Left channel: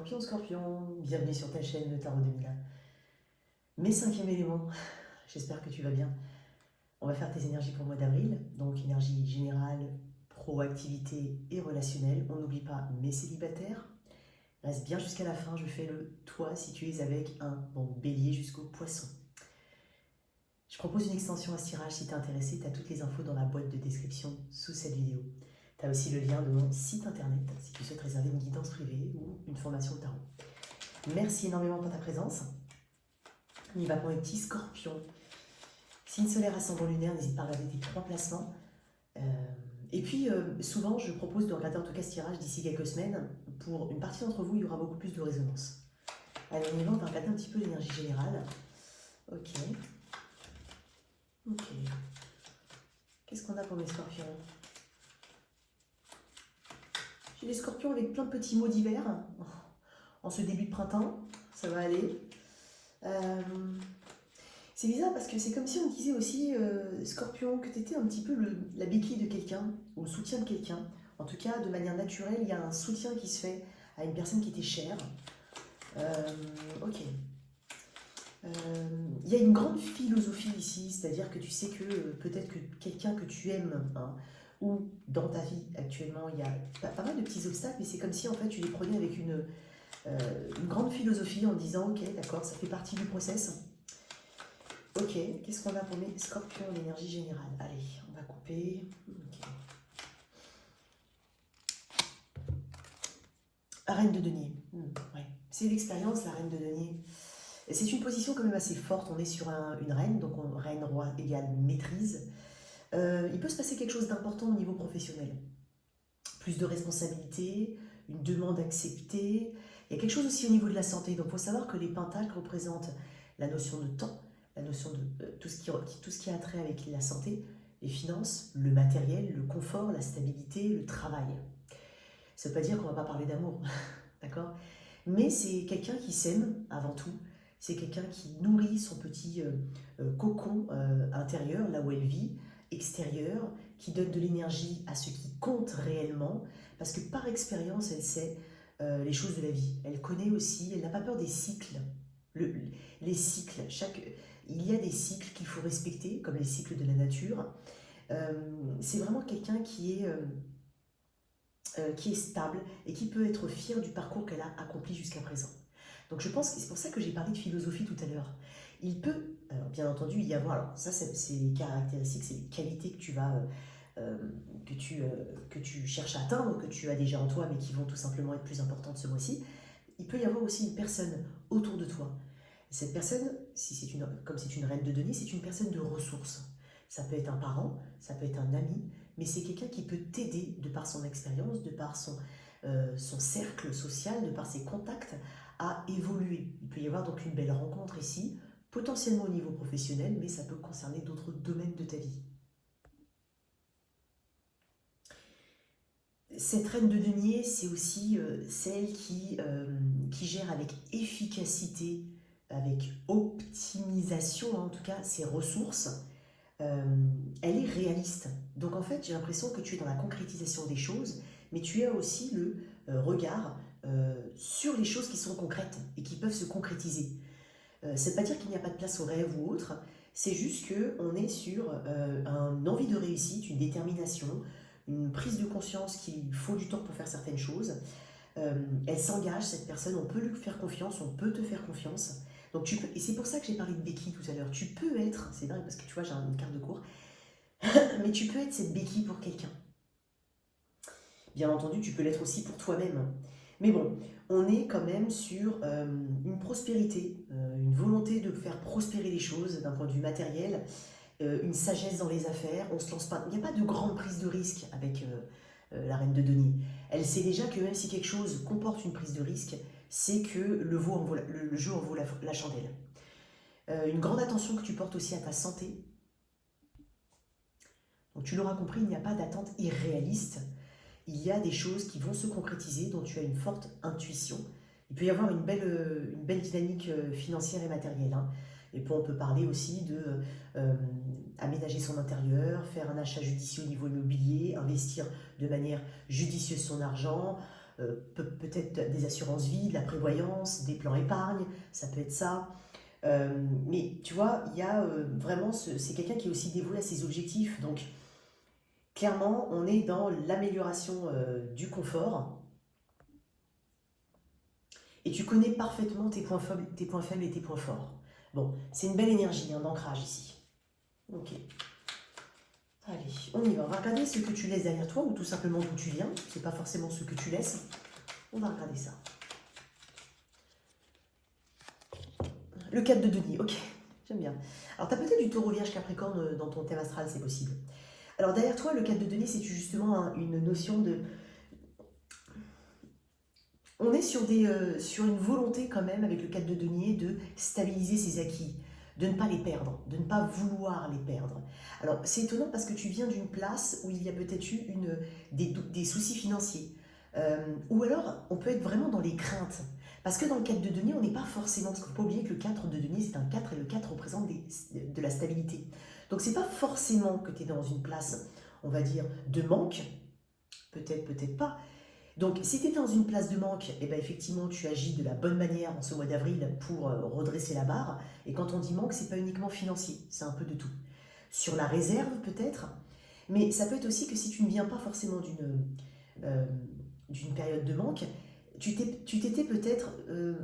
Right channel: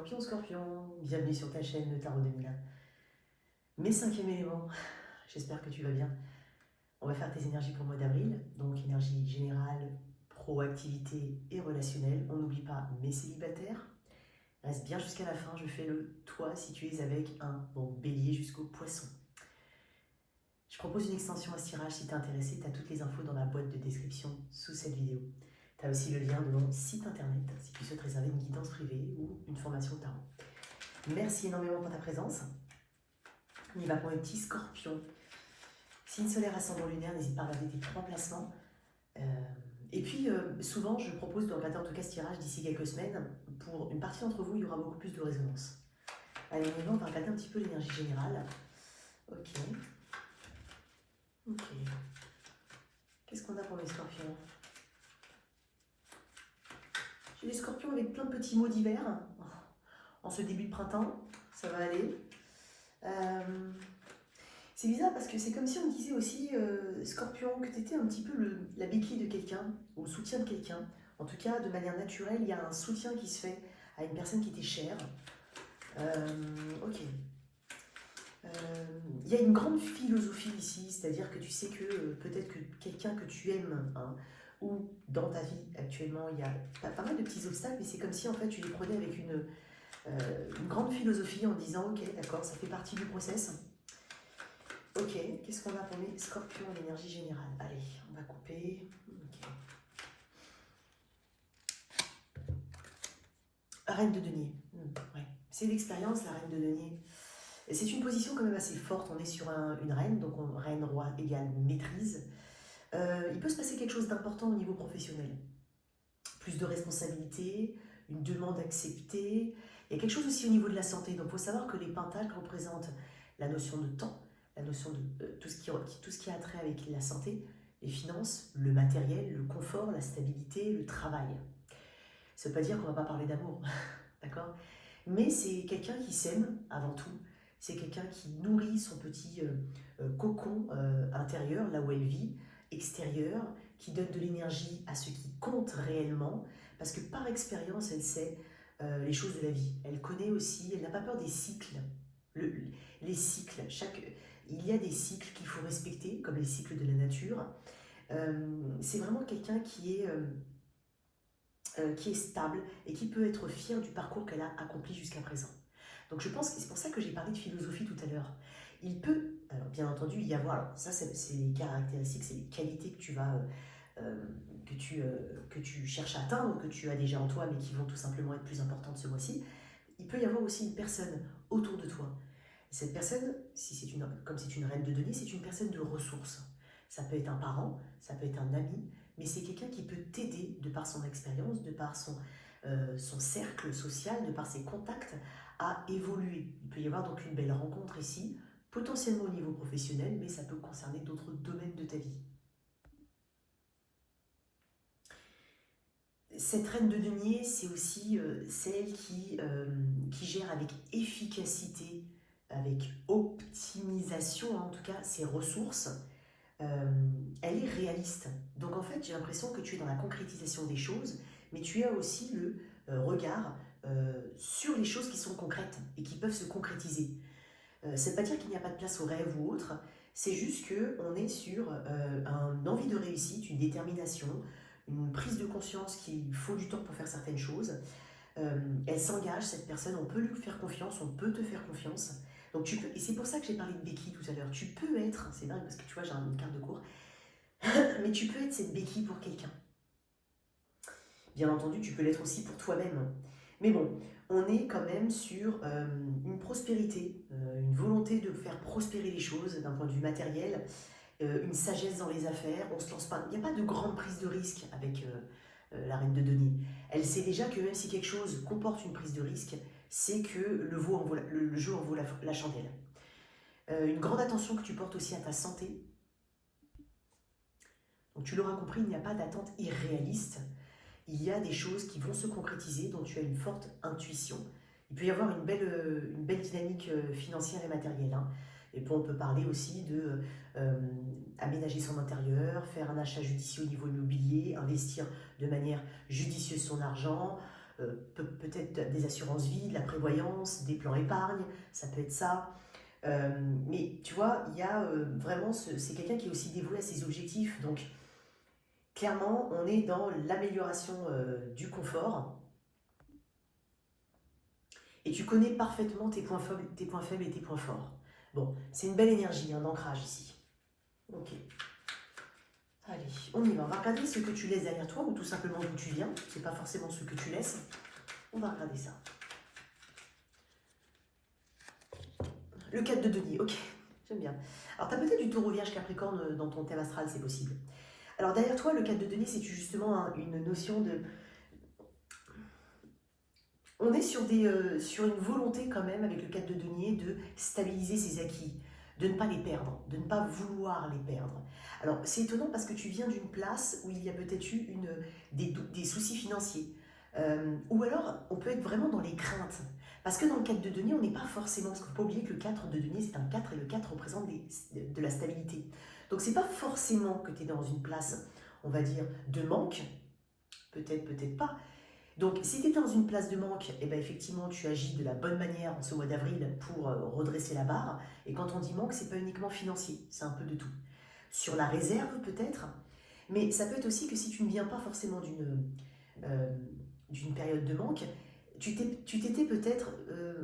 Scorpion, Scorpion, bienvenue sur ta chaîne Le Tarot 2000. Mes cinquièmes éléments, j'espère que tu vas bien. On va faire tes énergies pour le mois d'avril, donc énergie générale, proactivité et relationnelle. On n'oublie pas mes célibataires. Reste bien jusqu'à la fin, je fais le toi si tu es avec un bon bélier jusqu'au poisson. Je propose une extension à ce tirage si tu es intéressé, tu as toutes les infos dans la boîte de description sous cette vidéo. Tu as aussi le lien de mon site internet si tu souhaites réserver une guidance privée ou une formation au tarot. Merci énormément pour ta présence. On y va pour les petits scorpions. Signe solaire, ascendant lunaire, n'hésite pas à regarder tes 3 placements. Et puis, souvent, je propose de regarder en tout cas ce tirage d'ici quelques semaines. Pour une partie d'entre vous, il y aura beaucoup plus de résonance. Allez, on y va, on va regarder un petit peu l'énergie générale. Ok. Ok. Qu'est-ce qu'on a pour les scorpions? J'ai des scorpions avec plein de petits mots divers. En ce début de printemps, ça va aller. C'est bizarre parce que c'est comme si on disait aussi, Scorpion, que tu étais un petit peu la béquille de quelqu'un, ou le soutien de quelqu'un. En tout cas, de manière naturelle, il y a un soutien qui se fait à une personne qui t'est chère. Ok. Il y a une grande philosophie ici, c'est-à-dire que tu sais que peut-être que quelqu'un que tu aimes, hein, ou dans ta vie actuellement, il y a pas mal de petits obstacles, mais c'est comme si en fait tu les prenais avec une grande philosophie en disant ok, d'accord, ça fait partie du process. Ok, qu'est-ce qu'on a pour les scorpions en énergie générale? Allez, on va couper. Okay. Reine de denier. Ouais. C'est l'expérience, la reine de denier. C'est une position quand même assez forte. On est sur une reine, donc reine, roi égale maîtrise. Il peut se passer quelque chose d'important au niveau professionnel. Plus de responsabilités, une demande acceptée. Il y a quelque chose aussi au niveau de la santé. Donc il faut savoir que les pentacles représentent la notion de temps, la notion de tout ce qui a trait avec la santé, les finances, le matériel, le confort, la stabilité, le travail. Ça ne veut pas dire qu'on ne va pas parler d'amour, d'accord? Mais c'est quelqu'un qui s'aime avant tout, c'est quelqu'un qui nourrit son petit cocon intérieur, là où elle vit, extérieur, qui donne de l'énergie à ce qui compte réellement, parce que par expérience, elle sait les choses de la vie. Elle connaît aussi, elle n'a pas peur des cycles. Les cycles, il y a des cycles qu'il faut respecter, comme les cycles de la nature. C'est vraiment quelqu'un qui est stable et qui peut être fier du parcours qu'elle a accompli jusqu'à présent. Donc je pense que c'est pour ça que j'ai parlé de philosophie tout à l'heure. Il peut, alors bien entendu, y avoir, alors ça c'est les caractéristiques, c'est les qualités que tu vas, que tu cherches à atteindre, que tu as déjà en toi, mais qui vont tout simplement être plus importantes ce mois-ci. Il peut y avoir aussi une personne autour de toi. Cette personne, comme c'est une reine de denier, c'est une personne de ressources. Ça peut être un parent, ça peut être un ami, mais c'est quelqu'un qui peut t'aider de par son expérience, de par son cercle social, de par ses contacts, à évoluer. Il peut y avoir donc une belle rencontre ici, potentiellement au niveau professionnel, mais ça peut concerner d'autres domaines de ta vie. Cette reine de denier, c'est aussi celle qui gère avec efficacité, avec optimisation, en tout cas, ses ressources. Elle est réaliste. Donc en fait, j'ai l'impression que tu es dans la concrétisation des choses, mais tu as aussi le regard sur les choses qui sont concrètes et qui peuvent se concrétiser. Ça ne veut pas dire qu'il n'y a pas de place au rêve ou autre, c'est juste qu'on est sur une envie de réussite, une détermination, une prise de conscience qu'il faut du temps pour faire certaines choses. Elle s'engage, cette personne, on peut lui faire confiance, on peut te faire confiance. Donc tu peux, et c'est pour ça que j'ai parlé de béquille tout à l'heure, tu peux être, c'est dingue parce que tu vois j'ai une carte de cours, mais tu peux être cette béquille pour quelqu'un. Bien entendu, tu peux l'être aussi pour toi-même. Mais bon, on est quand même sur une prospérité, une volonté de faire prospérer les choses d'un point de vue matériel, une sagesse dans les affaires, on se lance pas, il n'y a pas de grande prise de risque avec la reine de denier. Elle sait déjà que même si quelque chose comporte une prise de risque, c'est que le jeu en vaut la chandelle. Une grande attention que tu portes aussi à ta santé. Donc tu l'auras compris, il n'y a pas d'attente irréaliste. Il y a des choses qui vont se concrétiser, dont tu as une forte intuition. Il peut y avoir une belle dynamique financière et matérielle. Hein. Et puis on peut parler aussi de aménager son intérieur, faire un achat judicieux au niveau immobilier, investir de manière judicieuse son argent, peut-être des assurances vie, de la prévoyance, des plans épargne, ça peut être ça. Mais tu vois, il y a vraiment, c'est quelqu'un qui est aussi dévoué à ses objectifs. Donc, clairement, on est dans l'amélioration du confort. Et tu connais parfaitement tes points faibles et tes points forts. Bon, c'est une belle énergie hein, d'ancrage ici. Ok. Allez, on y va. On va regarder ce que tu laisses derrière toi ou tout simplement d'où tu viens. C'est pas forcément ce que tu laisses. On va regarder ça. Le 4 de denier, ok. J'aime bien. Alors, tu as peut-être du taureau vierge capricorne dans ton thème astral, c'est possible. Alors, derrière toi, le 4 de denier, c'est justement hein, une notion de... On est sur une volonté quand même, avec le 4 de denier, de stabiliser ses acquis, de ne pas les perdre, de ne pas vouloir les perdre. Alors, c'est étonnant parce que tu viens d'une place où il y a peut-être eu des soucis financiers. Ou alors, on peut être vraiment dans les craintes. Parce que dans le 4 de denier, on n'est pas forcément... Parce qu'il ne faut pas oublier que le 4 de denier, c'est un 4 et le 4 représente de la stabilité. Donc, c'est pas forcément que tu es dans une place, on va dire, de manque. Peut-être, peut-être pas. Donc, si tu es dans une place de manque, eh ben, effectivement, tu agis de la bonne manière en ce mois d'avril pour redresser la barre. Et quand on dit manque, c'est pas uniquement financier, c'est un peu de tout. Sur la réserve, peut-être, mais ça peut être aussi que si tu ne viens pas forcément d'une période de manque, tu t'étais peut-être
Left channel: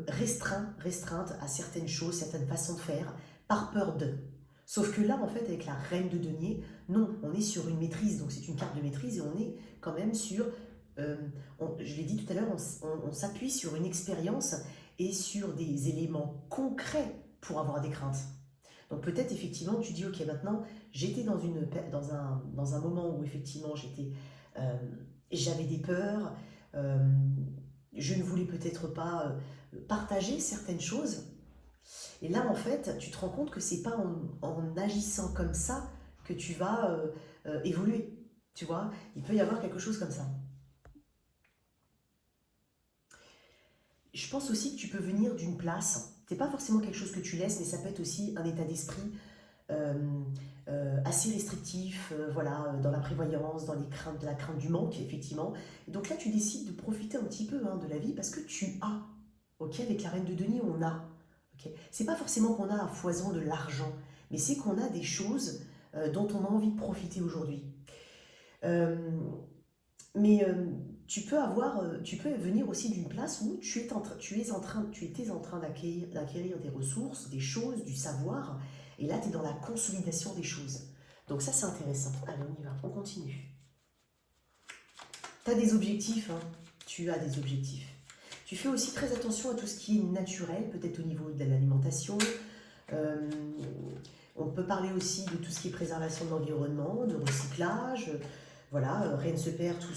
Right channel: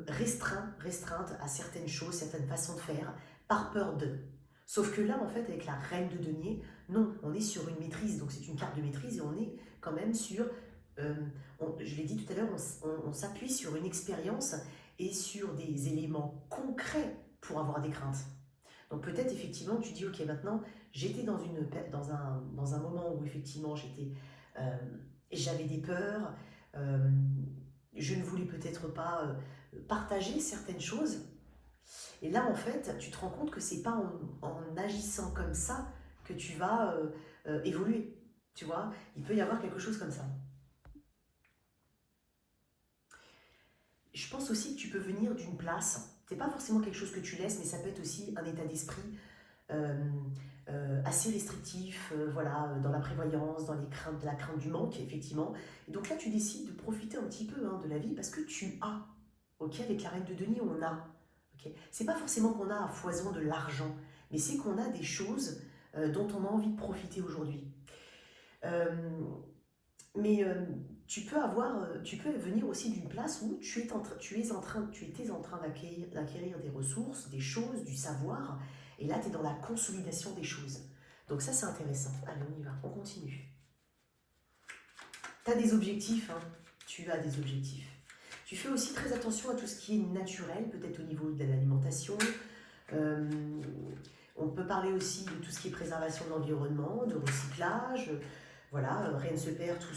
restreinte à certaines choses, certaines façons de faire, par peur de. Sauf que là, en fait, avec la reine de denier, non, on est sur une maîtrise, donc c'est une carte de maîtrise et on est quand même sur... je l'ai dit tout à l'heure, on s'appuie sur une expérience et sur des éléments concrets pour avoir des craintes. Donc peut-être effectivement tu dis ok maintenant j'étais dans un moment où effectivement j'avais des peurs, je ne voulais peut-être pas partager certaines choses. Et là en fait tu te rends compte que c'est pas en agissant comme ça que tu vas évoluer. Tu vois, il peut y avoir quelque chose comme ça. Je pense aussi que tu peux venir d'une place, c'est pas forcément quelque chose que tu laisses, mais ça peut être aussi un état d'esprit assez restrictif, voilà, dans la prévoyance, dans la crainte du manque, effectivement. Et donc là, tu décides de profiter un petit peu hein, de la vie parce que tu as, ok, avec la reine de denier, on a. Okay. C'est pas forcément qu'on a à foison de l'argent, mais c'est qu'on a des choses dont on a envie de profiter aujourd'hui. Mais tu peux venir aussi d'une place où tu étais en train d'acquérir des ressources, des choses, du savoir, et là tu es dans la consolidation des choses. Donc ça c'est intéressant. Allez, on y va, on continue. Tu as des objectifs, hein. Tu as des objectifs. Tu fais aussi très attention à tout ce qui est naturel, peut-être au niveau de l'alimentation. On peut parler aussi de tout ce qui est préservation de l'environnement, de recyclage. Voilà, rien ne se perd, je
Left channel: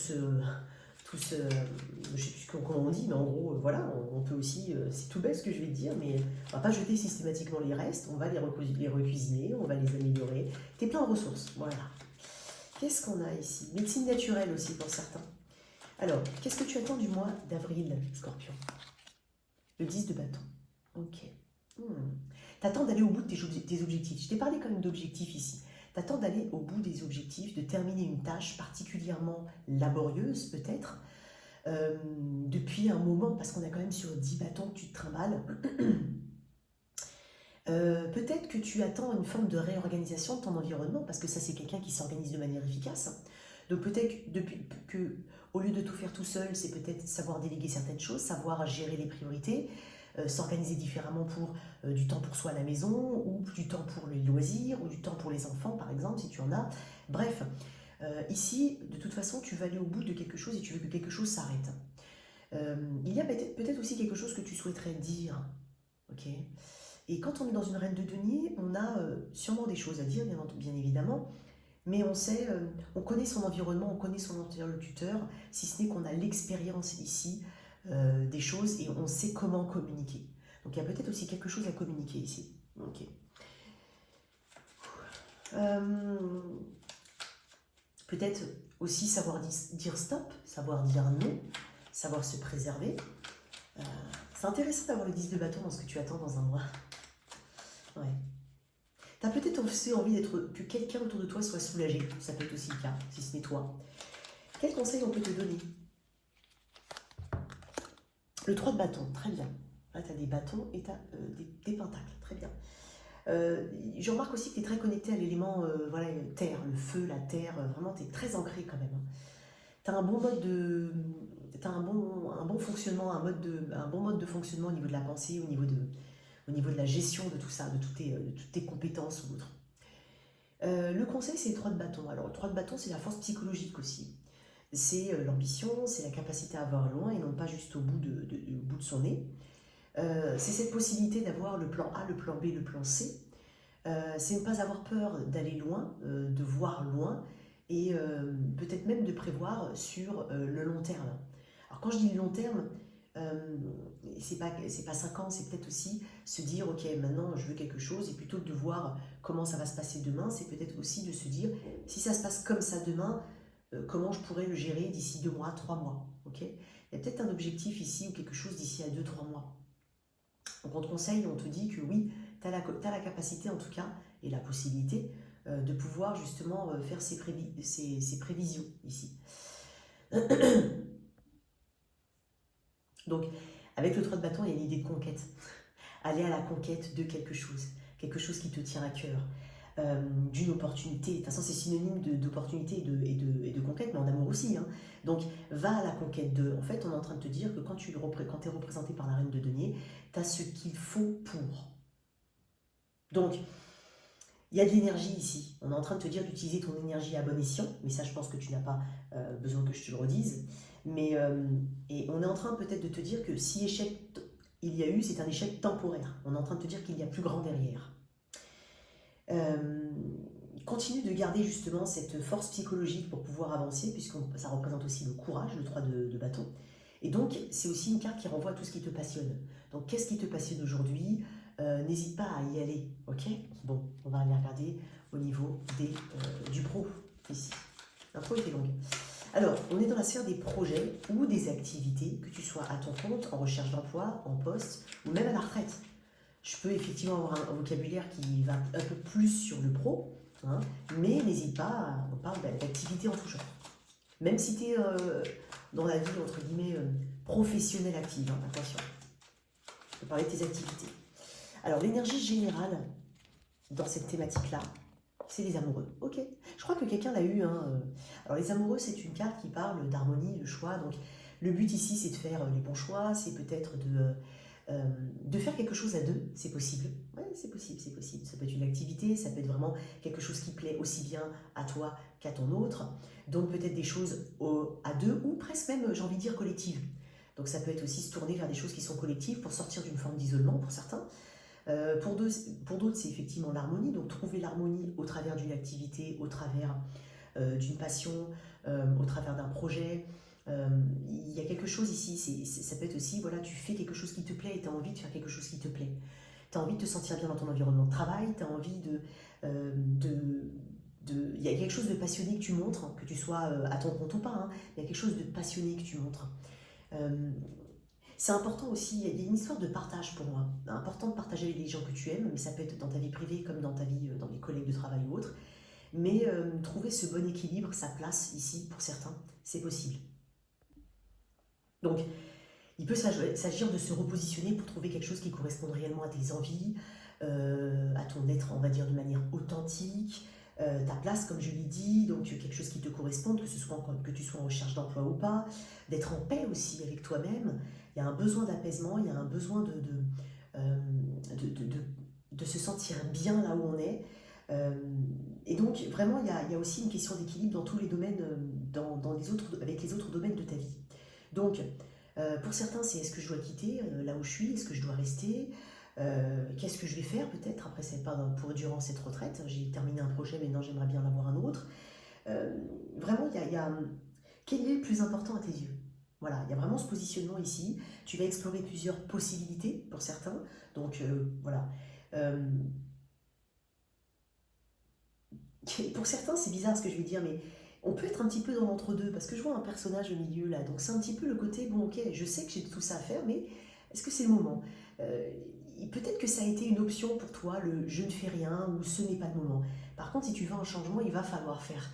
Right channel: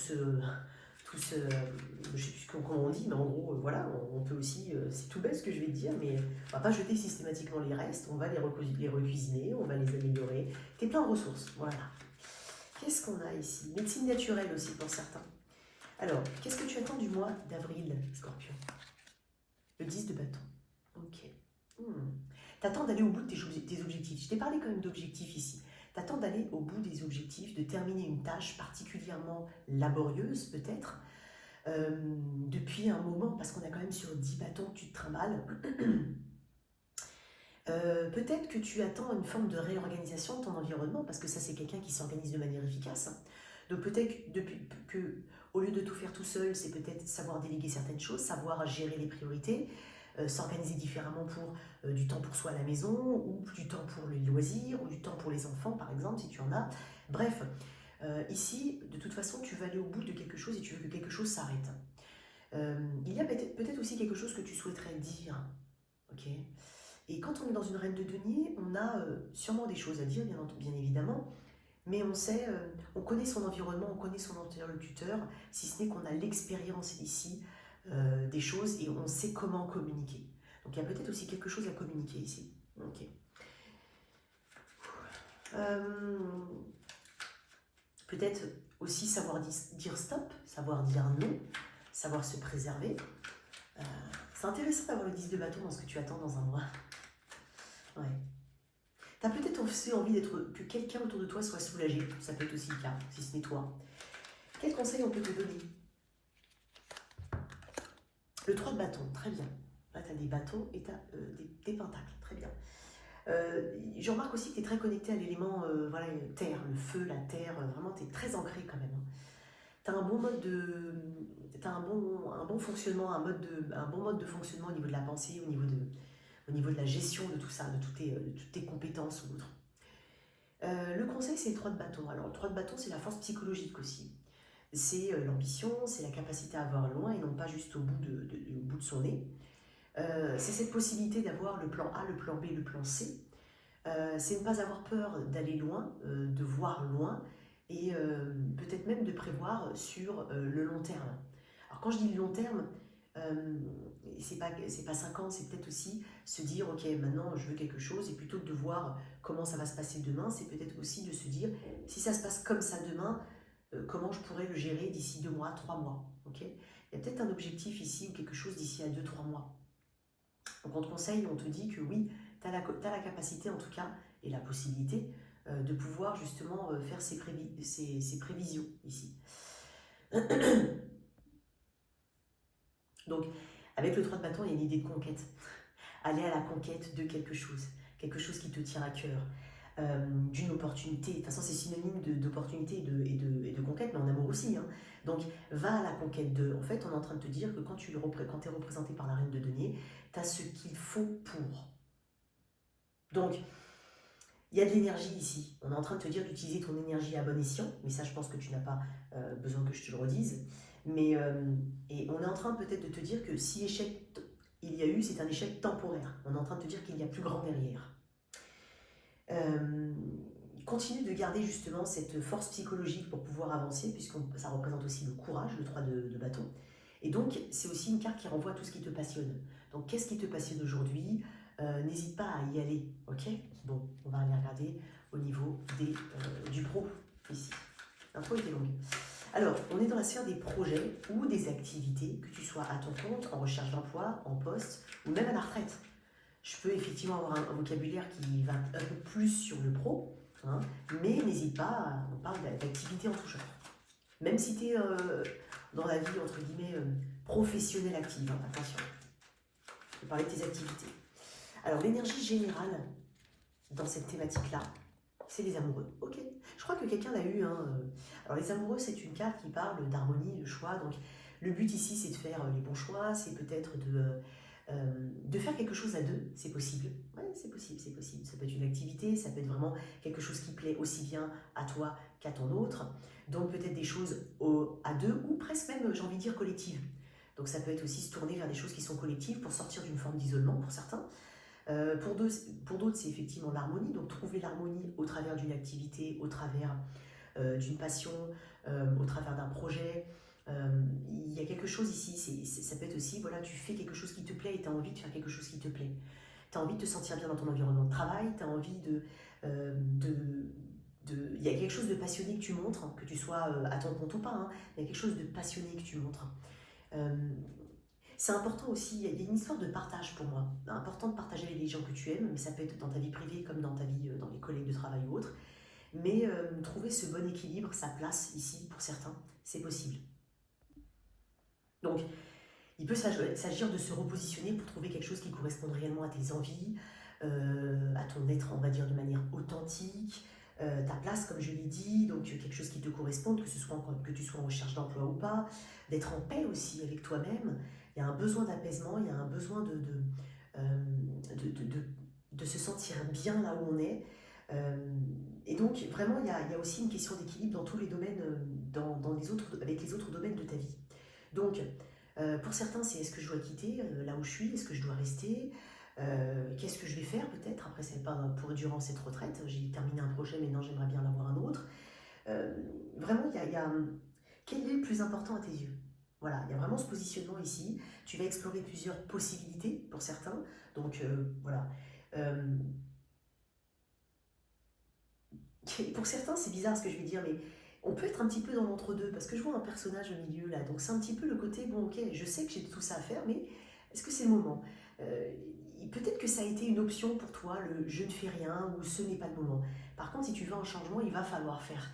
sais plus comment on dit, mais en gros, voilà, on peut aussi, c'est tout bête ce que je vais te dire, mais on va pas jeter systématiquement les restes, on va les recuisiner, on va les améliorer. T'es plein de ressources, voilà. Qu'est-ce qu'on a ici? Médecine naturelle aussi pour certains. Alors, qu'est-ce que tu attends du mois d'avril, Scorpion? Le 10 de bâton. Ok. T'attends d'aller au bout de tes objectifs. Je t'ai parlé quand même d'objectifs ici. T'attends d'aller au bout des objectifs, de terminer une tâche particulièrement laborieuse peut-être, depuis un moment, parce qu'on a quand même sur 10 bâtons que tu te trimbales. Peut-être que tu attends une forme de réorganisation de ton environnement, parce que ça c'est quelqu'un qui s'organise de manière efficace. Donc peut-être que au lieu de tout faire tout seul, c'est peut-être savoir déléguer certaines choses, savoir gérer les priorités, s'organiser différemment pour du temps pour soi à la maison, ou du temps pour les loisirs, ou du temps pour les enfants par exemple, si tu en as. Bref, ici, de toute façon, tu vas aller au bout de quelque chose et tu veux que quelque chose s'arrête. Il y a peut-être aussi quelque chose que tu souhaiterais dire, ok? Et quand on est dans une reine de denier, on a sûrement des choses à dire, bien évidemment, mais on connaît son environnement, on connaît son interlocuteur, si ce n'est qu'on a l'expérience ici des choses et on sait comment communiquer. Donc il y a peut-être aussi quelque chose à communiquer ici. Ok. Peut-être aussi savoir dire stop, savoir dire non, savoir se préserver. C'est intéressant d'avoir le 10 de bâton dans ce que tu attends dans un mois. Ouais. Tu as peut-être aussi envie que quelqu'un autour de toi soit soulagé. Ça peut être aussi le cas, si ce n'est toi. Quel conseil on peut te donner? Le 3 de bâton, très bien. Là, tu as des bâtons et tu as des pentacles, très bien. Je remarque aussi que tu es très connecté à l'élément voilà, terre, le feu, la terre, vraiment tu es très ancré quand même. Tu as un bon mode de. T'as un bon fonctionnement, un bon mode de fonctionnement au niveau de la pensée, au niveau de la gestion de tout ça, de toutes tes compétences ou autres. Le conseil, c'est le 3 de bâton. Alors, le 3 de bâton, c'est la force psychologique aussi. C'est l'ambition, c'est la capacité à voir loin et non pas juste au bout de son nez. C'est cette possibilité d'avoir le plan A, le plan B, le plan C. C'est ne pas avoir peur d'aller loin, de voir loin et peut-être même de prévoir sur le long terme. Alors quand je dis le long terme, c'est pas 5 ans, c'est peut-être aussi se dire ok maintenant je veux quelque chose et plutôt que de voir comment ça va se passer demain, c'est peut-être aussi de se dire si ça se passe comme ça demain, comment je pourrais le gérer d'ici 2 mois, 3 mois. Okay, il y a peut-être un objectif ici ou quelque chose d'ici à 2-3 mois. Donc on te conseille, on te dit que oui, tu as la capacité en tout cas et la possibilité de pouvoir justement faire ces prévisions ici. Donc avec le 3 de bâton, il y a une idée de conquête. Aller à la conquête de quelque chose qui te tient à cœur, d'une opportunité. De toute façon, c'est synonyme d'opportunité et de conquête, mais en amour aussi. Hein. Donc, va à la conquête de. En fait, on est en train de te dire que quand tu es représenté par la reine de denier, tu as ce qu'il faut pour. Donc, il y a de l'énergie ici. On est en train de te dire d'utiliser ton énergie à bon escient, mais ça, je pense que tu n'as pas besoin que je te le redise. Mais, et on est en train peut-être de te dire que si échec il y a eu, c'est un échec temporaire. On est en train de te dire qu'il y a plus grand derrière. Continue de garder justement cette force psychologique pour pouvoir avancer, puisque ça représente aussi le courage, le 3 de bâton. Et donc, c'est aussi une carte qui renvoie tout ce qui te passionne. Donc, qu'est-ce qui te passionne aujourd'hui? N'hésite pas à y aller, ok? Bon, on va aller regarder au niveau du pro, ici. L'intro était longue. Alors, on est dans la sphère des projets ou des activités, que tu sois à ton compte, en recherche d'emploi, en poste, ou même à la retraite. Je peux effectivement avoir un vocabulaire qui va un peu plus sur le pro, hein, mais n'hésite pas, on parle d'activités en tout genre. Même si tu es dans la vie, entre guillemets, professionnelle active, hein, attention. Je vais parler de tes activités. Alors, l'énergie générale dans cette thématique-là, c'est les amoureux. Ok. Je crois que quelqu'un l'a eu. Hein. Alors, les amoureux, c'est une carte qui parle d'harmonie, de choix. Donc, le but ici, c'est de faire les bons choix, c'est peut-être de faire quelque chose à deux, c'est possible. Oui, c'est possible, c'est possible. Ça peut être une activité, ça peut être vraiment quelque chose qui plaît aussi bien à toi qu'à ton autre. Donc peut-être des choses à deux ou presque même, j'ai envie de dire, collectives. Donc ça peut être aussi se tourner vers des choses qui sont collectives pour sortir d'une forme d'isolement pour certains. Pour d'autres, c'est effectivement l'harmonie. Donc trouver l'harmonie au travers d'une activité, au travers d'une passion, au travers d'un projet. Il y a quelque chose ici, ça peut être aussi, voilà, tu fais quelque chose qui te plaît et tu as envie de faire quelque chose qui te plaît. Tu as envie de te sentir bien dans ton environnement de travail, tu as envie il y a quelque chose de passionné que tu montres, hein, que tu sois à ton compte ou pas, hein, il y a quelque chose de passionné que tu montres. C'est important aussi, il y a une histoire de partage pour moi. C'est important de partager avec les gens que tu aimes, mais ça peut être dans ta vie privée comme dans ta vie, dans les collègues de travail ou autres. Mais trouver ce bon équilibre, sa place ici, pour certains, c'est possible. Donc, il peut s'agir de se repositionner pour trouver quelque chose qui corresponde réellement à tes envies, à ton être, on va dire, de manière authentique, ta place, comme je l'ai dit, donc quelque chose qui te corresponde, que tu sois en recherche d'emploi ou pas, d'être en paix aussi avec toi-même. Il y a un besoin d'apaisement, il y a un besoin de se sentir bien là où on est. Et donc, vraiment, il y a aussi une question d'équilibre dans tous les domaines, avec les autres domaines de ta vie. Donc, pour certains, c'est est-ce que je dois quitter là où je suis, est-ce que je dois rester, qu'est-ce que je vais faire peut-être après durant cette retraite, j'ai terminé un projet, maintenant j'aimerais bien en avoir un autre. Vraiment, quel est le plus important à tes yeux? Voilà, il y a vraiment ce positionnement ici. Tu vas explorer plusieurs possibilités pour certains. Donc, voilà. Pour certains, c'est bizarre ce que je vais dire, mais on peut être un petit peu dans l'entre-deux, parce que je vois un personnage au milieu là, donc c'est un petit peu le côté, bon ok, je sais que j'ai tout ça à faire, mais est-ce que c'est le moment? Peut-être que ça a été une option pour toi, le je ne fais rien, ou ce n'est pas le moment. Par contre, si tu veux un changement, il va falloir faire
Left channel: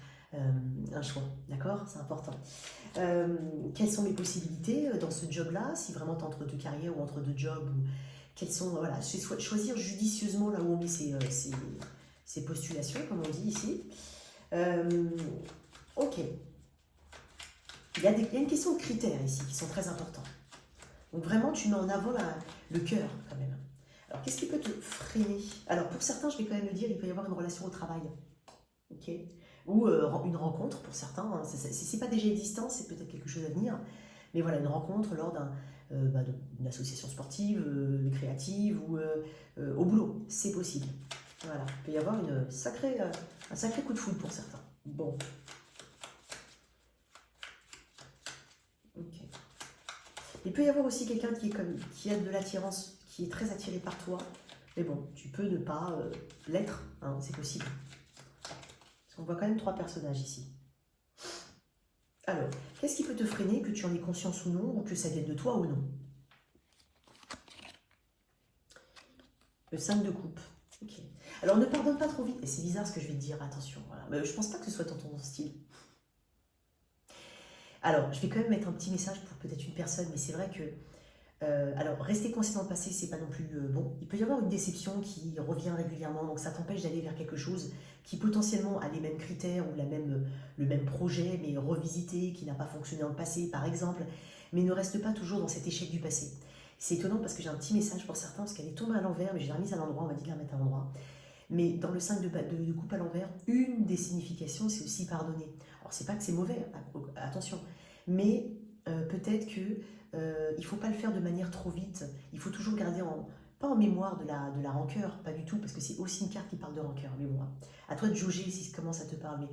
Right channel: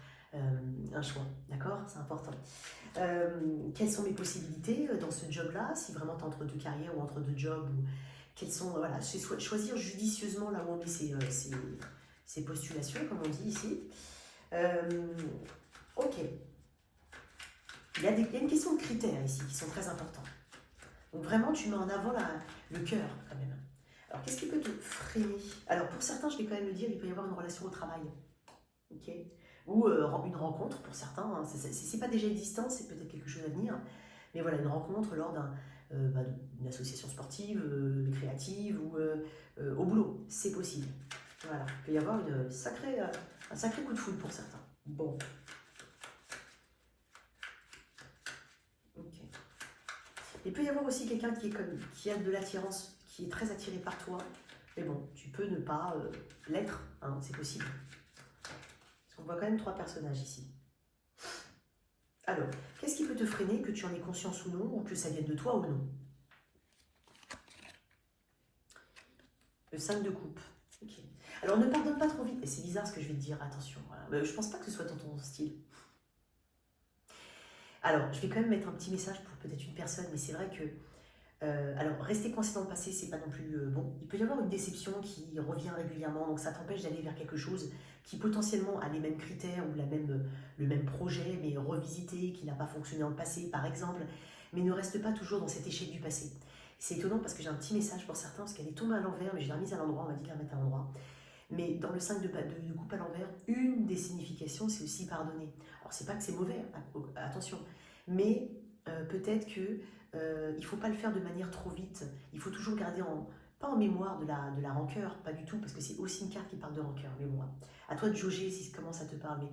un choix, d'accord? C'est important. Quelles sont mes possibilités dans ce job-là, si vraiment tu es entre deux carrières ou entre deux jobs, ou quelles sont, voilà, choisir judicieusement là où on met ses postulations, comme on dit ici. Ok. Il y a une question de critères ici qui sont très importants. Donc vraiment, tu mets en avant le cœur quand même. Alors, qu'est-ce qui peut te freiner? Alors, pour certains, je vais quand même le dire, il peut y avoir une relation au travail. Ok? Ou une rencontre pour certains. Hein. Si ce n'est pas déjà existant, c'est peut-être quelque chose à venir. Mais voilà, une rencontre lors d'une association sportive, créative ou au boulot. C'est possible. Voilà, il peut y avoir un sacré coup de foudre pour certains. Bon. Ok. Il peut y avoir aussi quelqu'un qui a de l'attirance, qui est très attiré par toi. Mais bon, tu peux ne pas l'être, hein, c'est possible. On voit quand même 3 personnages ici. Alors, qu'est-ce qui peut te freiner, que tu en aies conscience ou non, ou que ça vienne de toi ou non? Le 5 de coupe. Okay. Alors, ne pardonne pas trop vite. Et c'est bizarre ce que je vais te dire, attention. Voilà. Mais je pense pas que ce soit dans ton style. Alors, je vais quand même mettre un petit message pour peut-être une personne, mais c'est vrai que alors, rester coincé dans le passé, c'est pas non plus bon. Il peut y avoir une déception qui revient régulièrement, donc ça t'empêche d'aller vers quelque chose qui potentiellement a les mêmes critères ou le même projet, mais revisité, qui n'a pas fonctionné dans le passé, par exemple, mais ne reste pas toujours dans cet échec du passé. C'est étonnant parce que j'ai un petit message pour certains, parce qu'elle est tombée à l'envers, mais je l'ai remise à l'endroit, on m'a dit de la mettre à l'endroit. Mais dans le 5 de coupe à l'envers, une des significations, c'est aussi pardonner. Alors, c'est pas que c'est mauvais, attention, mais peut-être que il ne faut pas le faire de manière trop vite. Il faut toujours garder pas en mémoire de la rancœur, pas du tout, parce que c'est aussi une carte qui parle de rancœur, mais moi. À toi de jauger comment ça te parle, mais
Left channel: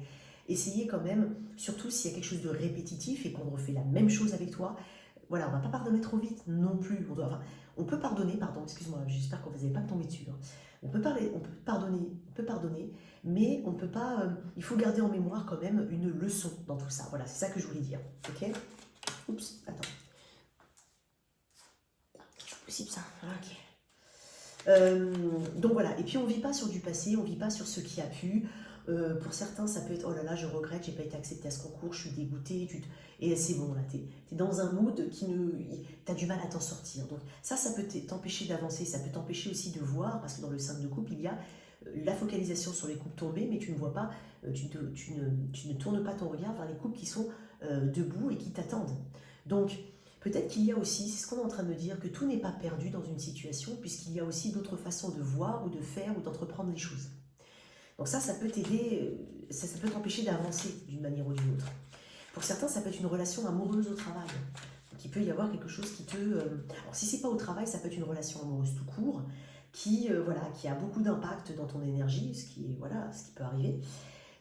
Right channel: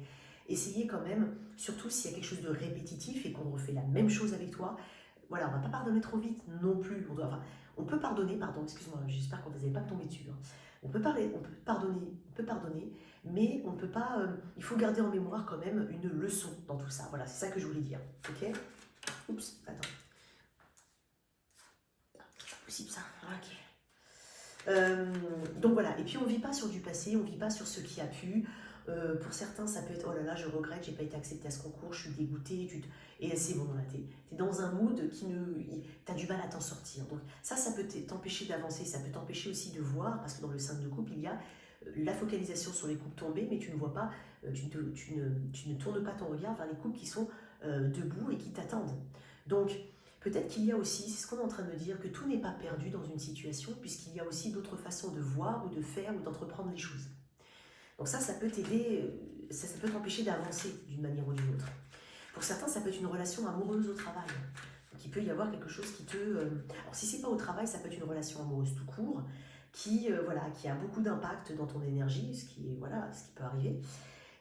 essayez quand même, surtout s'il y a quelque chose de répétitif et qu'on refait la même chose avec toi, voilà, on ne va pas pardonner trop vite non plus. On peut pardonner, pardon, excuse-moi, j'espère que vous n'allez pas me tomber dessus. Hein. On peut pardonner, mais on peut pas. Il faut garder en mémoire quand même une leçon dans tout ça. Voilà, c'est ça que je voulais dire. Ok? Oups, attends. Possible ça. Ok. Donc voilà, et puis on ne vit pas sur du passé, on ne vit pas sur ce qui a pu. Pour certains, ça peut être oh là là, je regrette, j'ai pas été acceptée à ce concours, je suis dégoûtée, et c'est bon, là, t'es dans un mood t'as du mal à t'en sortir. Donc ça peut t'empêcher d'avancer, ça peut t'empêcher aussi de voir, parce que dans le 5 de coupe, il y a la focalisation sur les coupes tombées, mais tu ne vois pas, tu ne tournes pas ton regard vers les coupes qui sont debout et qui t'attendent. Donc, peut-être qu'il y a aussi, c'est ce qu'on est en train de me dire, que tout n'est pas perdu dans une situation, puisqu'il y a aussi d'autres façons de voir ou de faire ou d'entreprendre les choses. Donc ça peut t'aider, ça peut t'empêcher d'avancer d'une manière ou d'une autre. Pour certains, ça peut être une relation amoureuse au travail. Donc il peut y avoir quelque chose qui te... alors si c'est pas au travail, ça peut être une relation amoureuse tout court, qui a beaucoup d'impact dans ton énergie, ce qui peut arriver,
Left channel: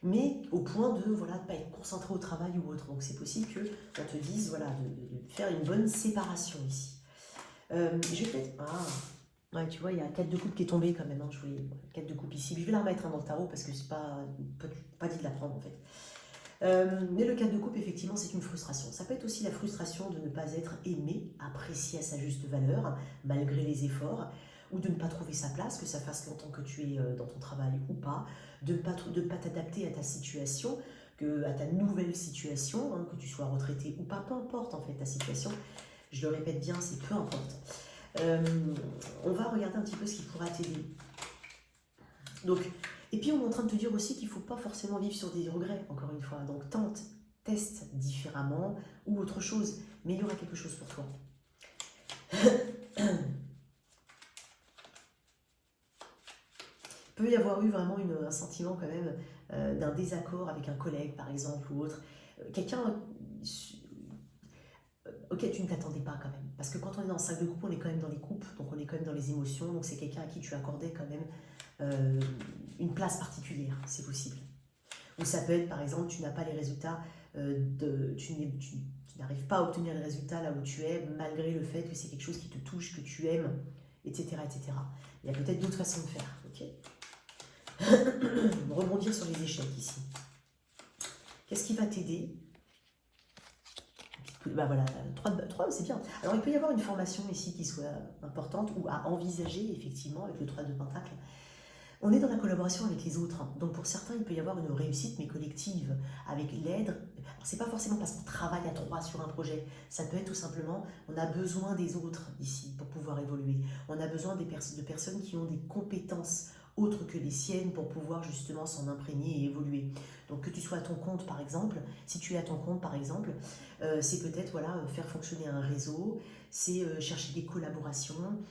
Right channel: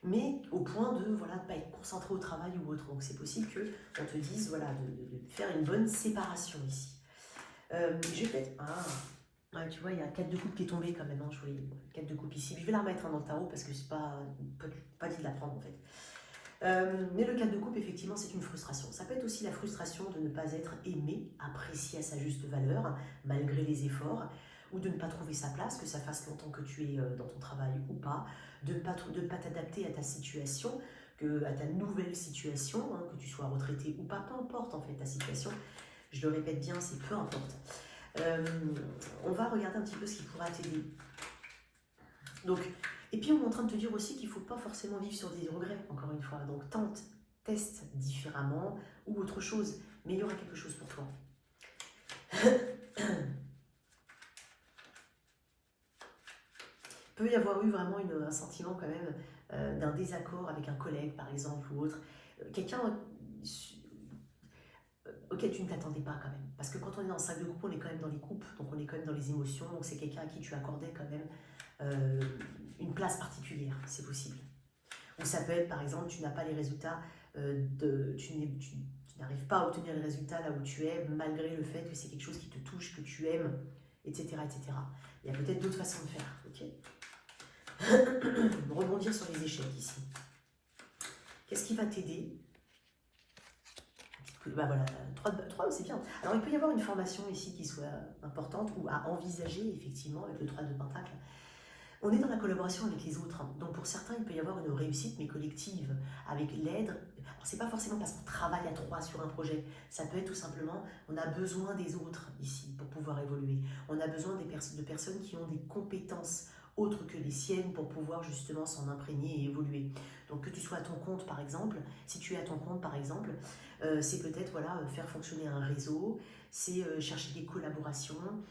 mais au point de ne pas être concentré au travail ou autre. Donc c'est possible qu'on te dise de faire une bonne séparation ici. Je vais peut-être... Ouais, tu vois, il y a 4 de coupe qui est tombé quand même. Hein, je voulais 4 de coupe ici. Mais je vais la remettre dans le tarot parce que c'est pas dit de la prendre en fait. Mais le 4 de coupe, effectivement, c'est une frustration. Ça peut être aussi la frustration de ne pas être aimé, apprécié à sa juste valeur, malgré les efforts, ou de ne pas trouver sa place, que ça fasse longtemps que tu es dans ton travail ou pas, de ne pas t'adapter à ta situation, à ta nouvelle situation, hein, que tu sois retraité ou pas, peu importe en fait ta situation. Je le répète bien, c'est peu importe. On va regarder un petit peu ce qui pourra t'aider. Donc, et puis on est en train de te dire aussi qu'il ne faut pas forcément vivre sur des regrets, encore une fois. Donc tente, teste différemment ou autre chose, mais il y aura quelque chose pour toi. Il peut y avoir eu vraiment un sentiment quand même d'un désaccord avec un collègue par exemple ou autre. Quelqu'un auquel tu ne t'attendais pas quand même. Parce que quand on est dans le 5 de coupe, on est quand même dans les coupes, donc on est quand même dans les émotions, donc c'est quelqu'un à qui tu accordais quand même une place particulière, c'est possible. Ou ça peut être par exemple, tu n'as pas les résultats, tu n'arrives pas à obtenir les résultats là où tu es, malgré le fait que c'est quelque chose qui te touche, que tu aimes, etc. etc. Il y a peut-être d'autres façons de faire, ok. Rebondir sur les échecs ici. Qu'est-ce qui va t'aider? Bah voilà, 3 c'est bien. Alors il peut y avoir une formation ici qui soit importante ou à envisager effectivement avec le 3 de Pentacle. On est dans la collaboration avec les autres. Donc pour certains, il peut y avoir une réussite, mais collective, avec l'aide. Alors c'est pas forcément parce qu'on travaille à trois sur un projet. Ça peut être tout simplement, on a besoin des autres ici pour pouvoir évoluer. On a besoin de personnes qui ont des compétences autres que les siennes pour pouvoir justement s'en imprégner et évoluer. Donc que tu sois à ton compte par exemple, si tu es à ton compte par exemple, c'est peut-être voilà, faire fonctionner un réseau, c'est chercher des collaborations.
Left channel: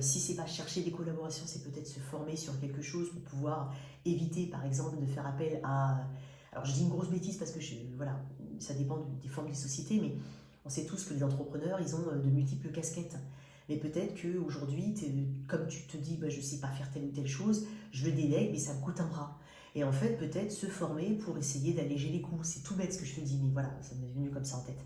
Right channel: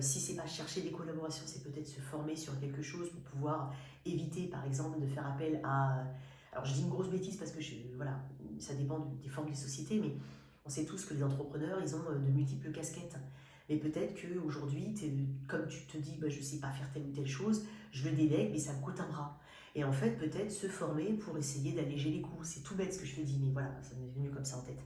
Si c'est pas chercher des collaborations, c'est peut-être se former sur quelque chose pour pouvoir éviter, par exemple, de faire appel à... Alors, je dis une grosse bêtise parce que voilà, ça dépend des formes des sociétés, mais on sait tous que les entrepreneurs, ils ont de multiples casquettes. Mais peut-être qu'aujourd'hui, comme tu te dis, bah, je ne sais pas faire telle ou telle chose, je le délègue, mais ça me coûte un bras. Et en fait, peut-être se former pour essayer d'alléger les coûts. C'est tout bête ce que je te dis, mais voilà, ça m'est venu comme ça en tête.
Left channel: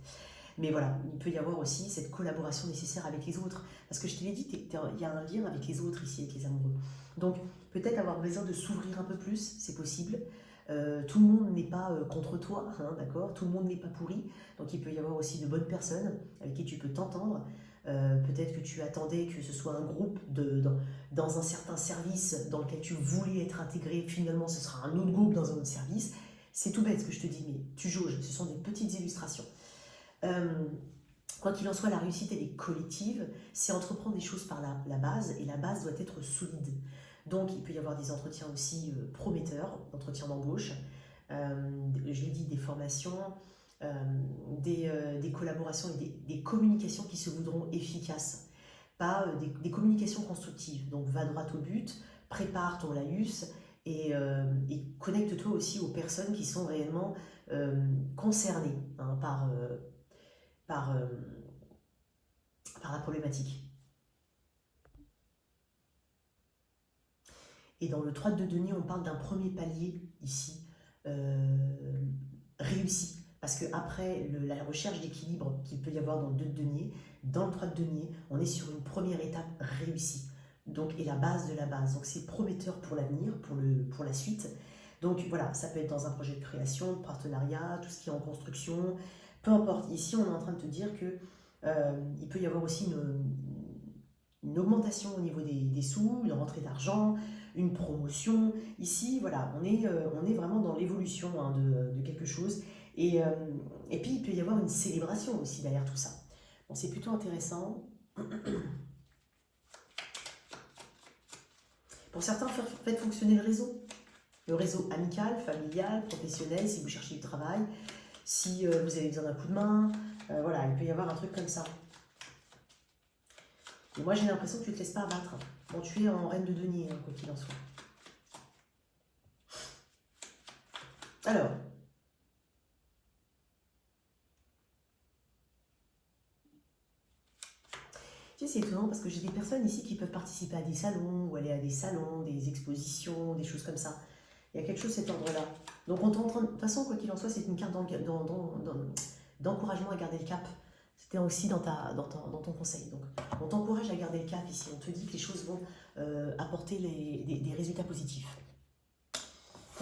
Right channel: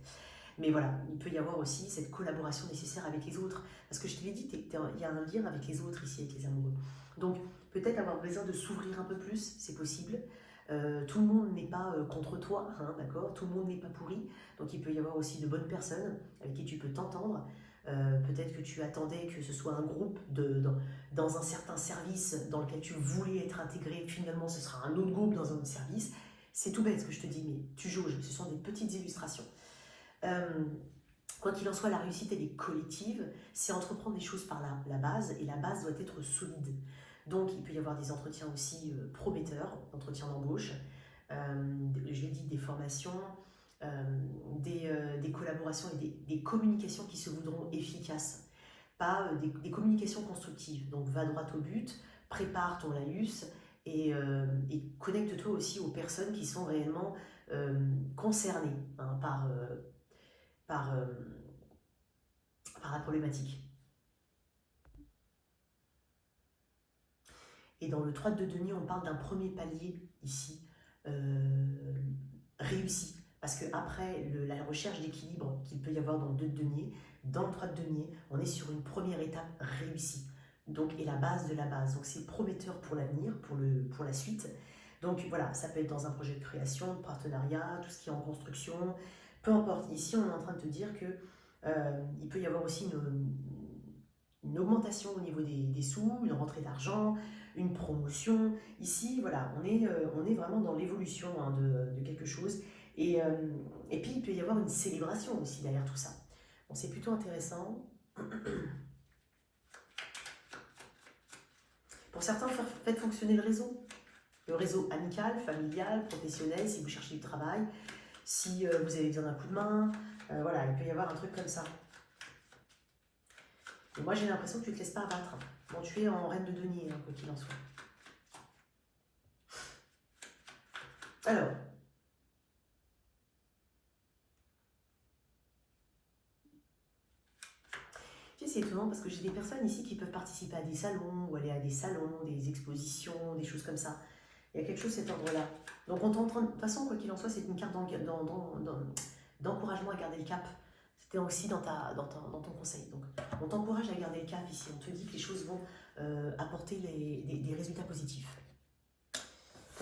Mais voilà, il peut y avoir aussi cette collaboration nécessaire avec les autres. Parce que je te l'ai dit, il y a un lien avec les autres ici, avec les amoureux. Donc, peut-être avoir besoin de s'ouvrir un peu plus, c'est possible. Tout le monde n'est pas contre toi, hein, d'accord? Tout le monde n'est pas pourri. Donc, il peut y avoir aussi de bonnes personnes avec qui tu peux t'entendre. Peut-être que tu attendais que ce soit un groupe dans un certain service dans lequel tu voulais être intégré. Finalement, ce sera un autre groupe dans un autre service. C'est tout bête ce que je te dis, mais tu jauges. Ce sont des petites illustrations. Quoi qu'il en soit, la réussite, elle est collective. C'est entreprendre des choses par la base, et la base doit être solide. Donc, il peut y avoir des entretiens aussi prometteurs, entretiens d'embauche, je l'ai dit, des formations, des collaborations et des communications qui se voudront efficaces, pas des communications constructives. Donc, va droit au but, prépare ton laïus et connecte-toi aussi aux personnes qui sont réellement concernées hein, par la problématique. Et dans le 3 de denier, on parle d'un premier palier ici, réussi. Parce qu'après la recherche d'équilibre qu'il peut y avoir dans le 2 de denier, dans le 3 de denier, on est sur une première étape réussie. Donc, et la base de la base. Donc c'est prometteur pour l'avenir, pour la suite. Donc voilà, ça peut être dans un projet de création, de partenariat, tout ce qui est en construction, peu importe. Ici, on est en train de te dire que il peut y avoir aussi une augmentation au niveau des sous, une rentrée d'argent, une promotion. Ici, voilà, on est vraiment dans l'évolution hein, de quelque chose. Et puis, il peut y avoir une célébration aussi derrière tout ça. Bon, c'est plutôt intéressant. Pour certains, faites fonctionner le réseau amical, familial, professionnel, si vous cherchez du travail, si vous avez besoin d'un coup de main, voilà, il peut y avoir un truc comme ça. Et moi, j'ai l'impression que tu ne te laisses pas abattre quand tu es en reine de denier, hein, quoi qu'il en soit. Alors, c'est étonnant parce que j'ai des personnes ici qui peuvent participer à des salons ou aller à des salons, des expositions, des choses comme ça. Il y a quelque chose de cet ordre-là. Donc, on t'entend, de toute façon, quoi qu'il en soit, c'est une carte d'encouragement à garder le cap. C'était aussi dans ton conseil. Donc, on t'encourage à garder le cap ici. On te dit que les choses vont apporter des résultats positifs.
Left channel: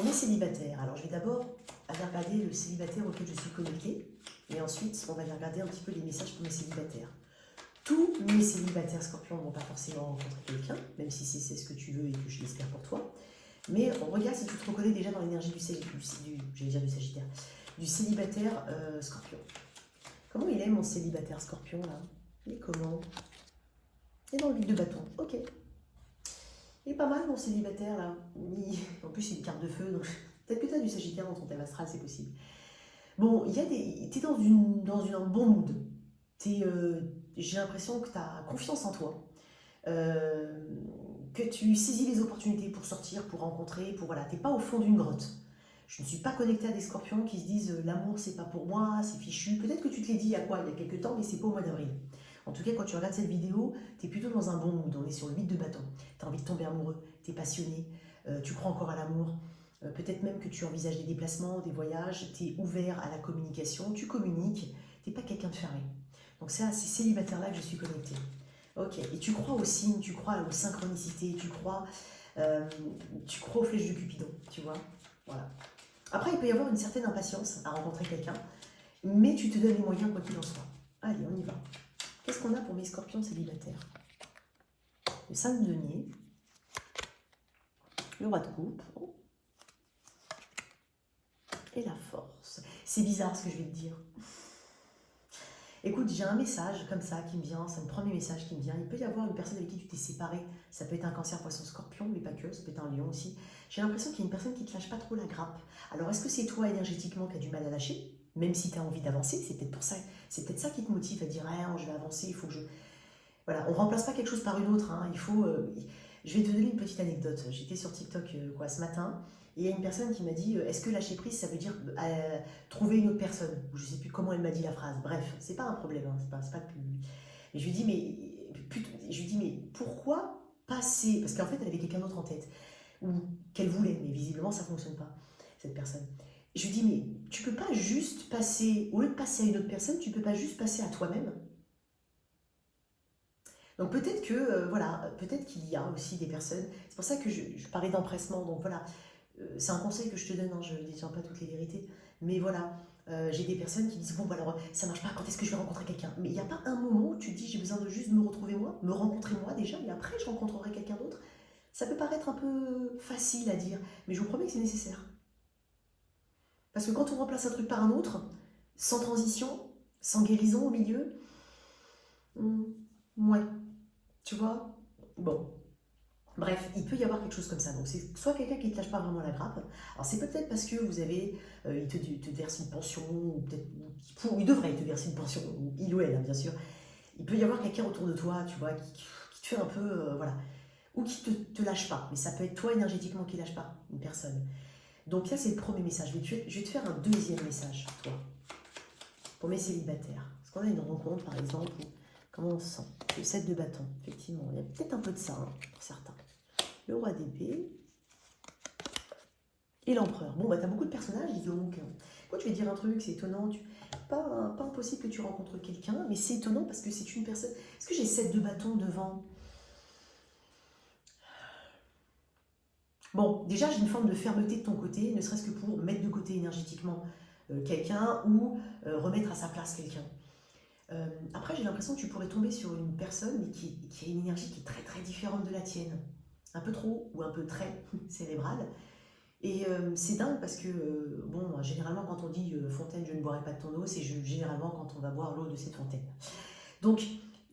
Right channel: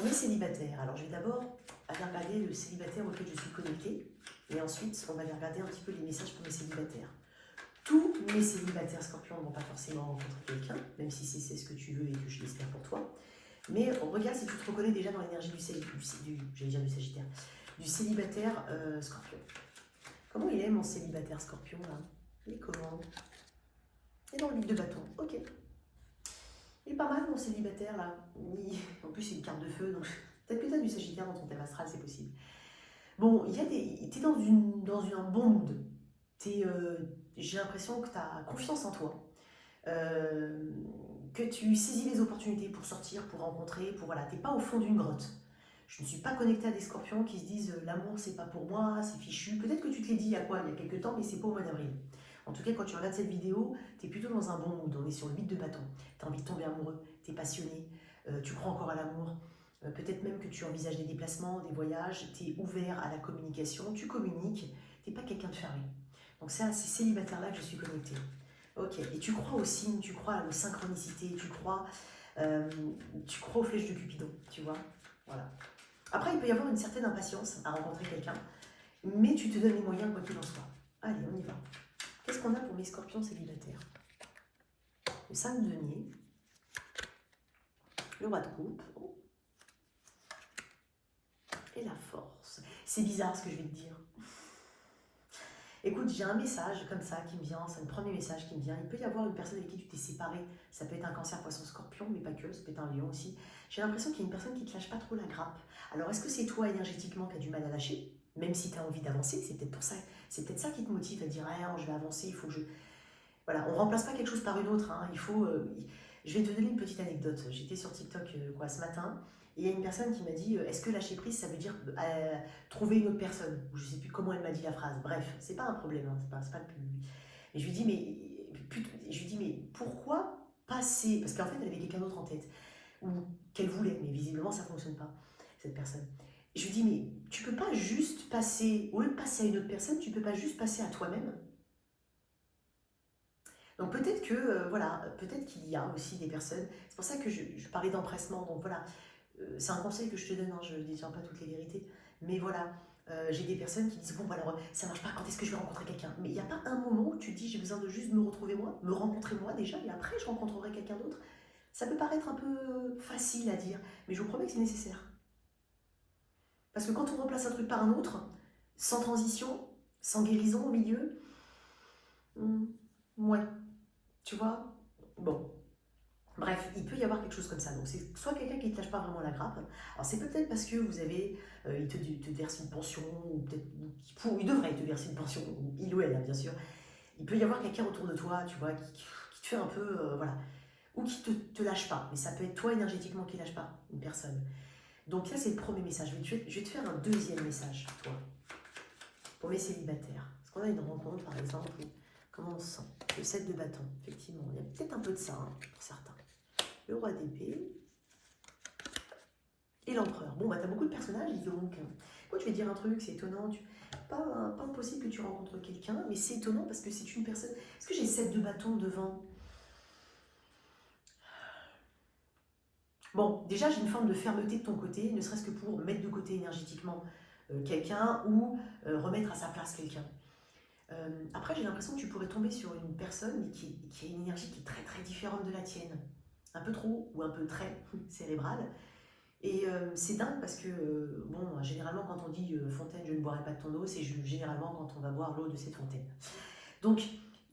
On est célibataire. Alors, je vais d'abord aller regarder le célibataire auquel je suis connectée. Et ensuite, on va aller regarder un petit peu les messages pour mes célibataires. Tous mes célibataires scorpions ne vont pas forcément rencontrer quelqu'un, même si c'est ce que tu veux et que je l'espère pour toi. Mais on regarde si tu te reconnais déjà dans l'énergie du Sagittaire, du célibataire scorpion. Comment il est mon célibataire scorpion là? Il est comment? Il est dans le 8 de bâton, ok. Il est pas mal mon célibataire là. En plus c'est une carte de feu, donc peut-être que tu as du Sagittaire dans ton thème astral, c'est possible. Bon, t'es dans un bon mood. J'ai l'impression que tu as confiance en toi. Que tu saisis les opportunités pour sortir, pour rencontrer, voilà, t'es pas au fond d'une grotte. Je ne suis pas connectée à des scorpions qui se disent l'amour c'est pas pour moi, c'est fichu. Peut-être que tu te l'es dit il y a quelques temps, mais c'est pas au mois d'avril. En tout cas, quand tu regardes cette vidéo, tu es plutôt dans un bon mood. On est sur le 8 de bâton. Tu as envie de tomber amoureux, tu es passionné, tu crois encore à l'amour. Peut-être même que tu envisages des déplacements, des voyages, tu es ouvert à la communication, tu communiques, tu n'es pas quelqu'un de fermé. Donc c'est à ces célibataires-là que je suis connectée. Ok, et tu crois aux signes, tu crois aux synchronicités, tu crois aux flèches de Cupidon, tu vois. Voilà. Après, il peut y avoir une certaine impatience à rencontrer quelqu'un, mais tu te donnes les moyens quoi qu'il en soit. Allez, on y va. Qu'est-ce qu'on a pour mes scorpions célibataires? Le 5 de denier, Le roi de coupe. Et la force. C'est bizarre ce que je vais te dire. Écoute, j'ai un message comme ça qui me vient, c'est le premier message qui me vient. Il peut y avoir une personne avec qui tu t'es séparé. Ça peut être un cancer, poisson, scorpion, mais pas que, ça peut être un lion aussi. J'ai l'impression qu'il y a une personne qui ne te lâche pas trop la grappe. Alors, est-ce que c'est toi énergétiquement qui as du mal à lâcher? Même si tu as envie d'avancer, c'est peut-être pour ça. C'est peut-être ça qui te motive à dire, ah, je vais avancer, il faut que je... Voilà, on ne remplace pas quelque chose par une autre. Hein. Il faut... Je vais te donner une petite anecdote. J'étais sur TikTok ce matin. Et il y a une personne qui m'a dit, est-ce que lâcher prise, ça veut dire trouver une autre personne? Je ne sais plus comment elle m'a dit la phrase. Bref, c'est pas un problème, hein, c'est pas le plus... Et je lui dis, mais pourquoi passer? Parce qu'en fait, elle avait quelqu'un d'autre en tête, ou qu'elle voulait, mais visiblement, ça ne fonctionne pas, cette personne. Et je lui dis, mais tu peux pas juste passer, au lieu de passer à une autre personne, tu peux pas juste passer à toi-même? Donc peut-être que, voilà, peut-être qu'il y a aussi des personnes, c'est pour ça que je parlais d'empressement, donc voilà, c'est un conseil que je te donne, hein, je ne détiens pas toutes les vérités, mais voilà, j'ai des personnes qui disent, bon, bah alors, ça marche pas, quand est-ce que je vais rencontrer quelqu'un? Mais il n'y a pas un moment où tu te dis, j'ai besoin de juste me retrouver moi, me rencontrer moi déjà, et après je rencontrerai quelqu'un d'autre. Ça peut paraître un peu facile à dire, mais je vous promets que c'est nécessaire. Parce que quand on remplace un truc par un autre, sans transition, sans guérison au milieu, ouais, tu vois? Bon. Bref, il peut y avoir quelque chose comme ça. Donc c'est soit quelqu'un qui ne te lâche pas vraiment la grappe. Alors c'est peut-être parce que vous avez, il te verse une pension, ou peut-être, il devrait te verser une pension, il ou elle, hein, bien sûr. Il peut y avoir quelqu'un autour de toi, tu vois, qui te fait un peu, voilà, ou qui te lâche pas. Mais ça peut être toi énergétiquement qui lâche pas, une personne. Donc ça c'est le premier message. Je vais te faire un deuxième message, toi, pour mes célibataires. Parce qu'on a une rencontre, par exemple, où, comment on se sent? Le 7 de bâton, effectivement. Il y a peut-être un peu de ça, hein, pour certains. Le roi d'épée et l'empereur. Bon, bah t'as beaucoup de personnages, dis donc. Moi, tu vas dire un truc, c'est étonnant. Pas impossible que tu rencontres quelqu'un, mais c'est étonnant parce que c'est une personne... Est-ce que j'ai 7 de bâton devant? Bon, déjà, j'ai une forme de fermeté de ton côté, ne serait-ce que pour mettre de côté énergétiquement quelqu'un ou remettre à sa place quelqu'un. Après, j'ai l'impression que tu pourrais tomber sur une personne qui a une énergie qui est très très différente de la tienne. Un peu trop ou un peu très cérébrale. Et c'est dingue parce que, bon, généralement quand on dit fontaine, je ne boirai pas de ton eau, c'est généralement quand on va boire l'eau de cette fontaine. Donc,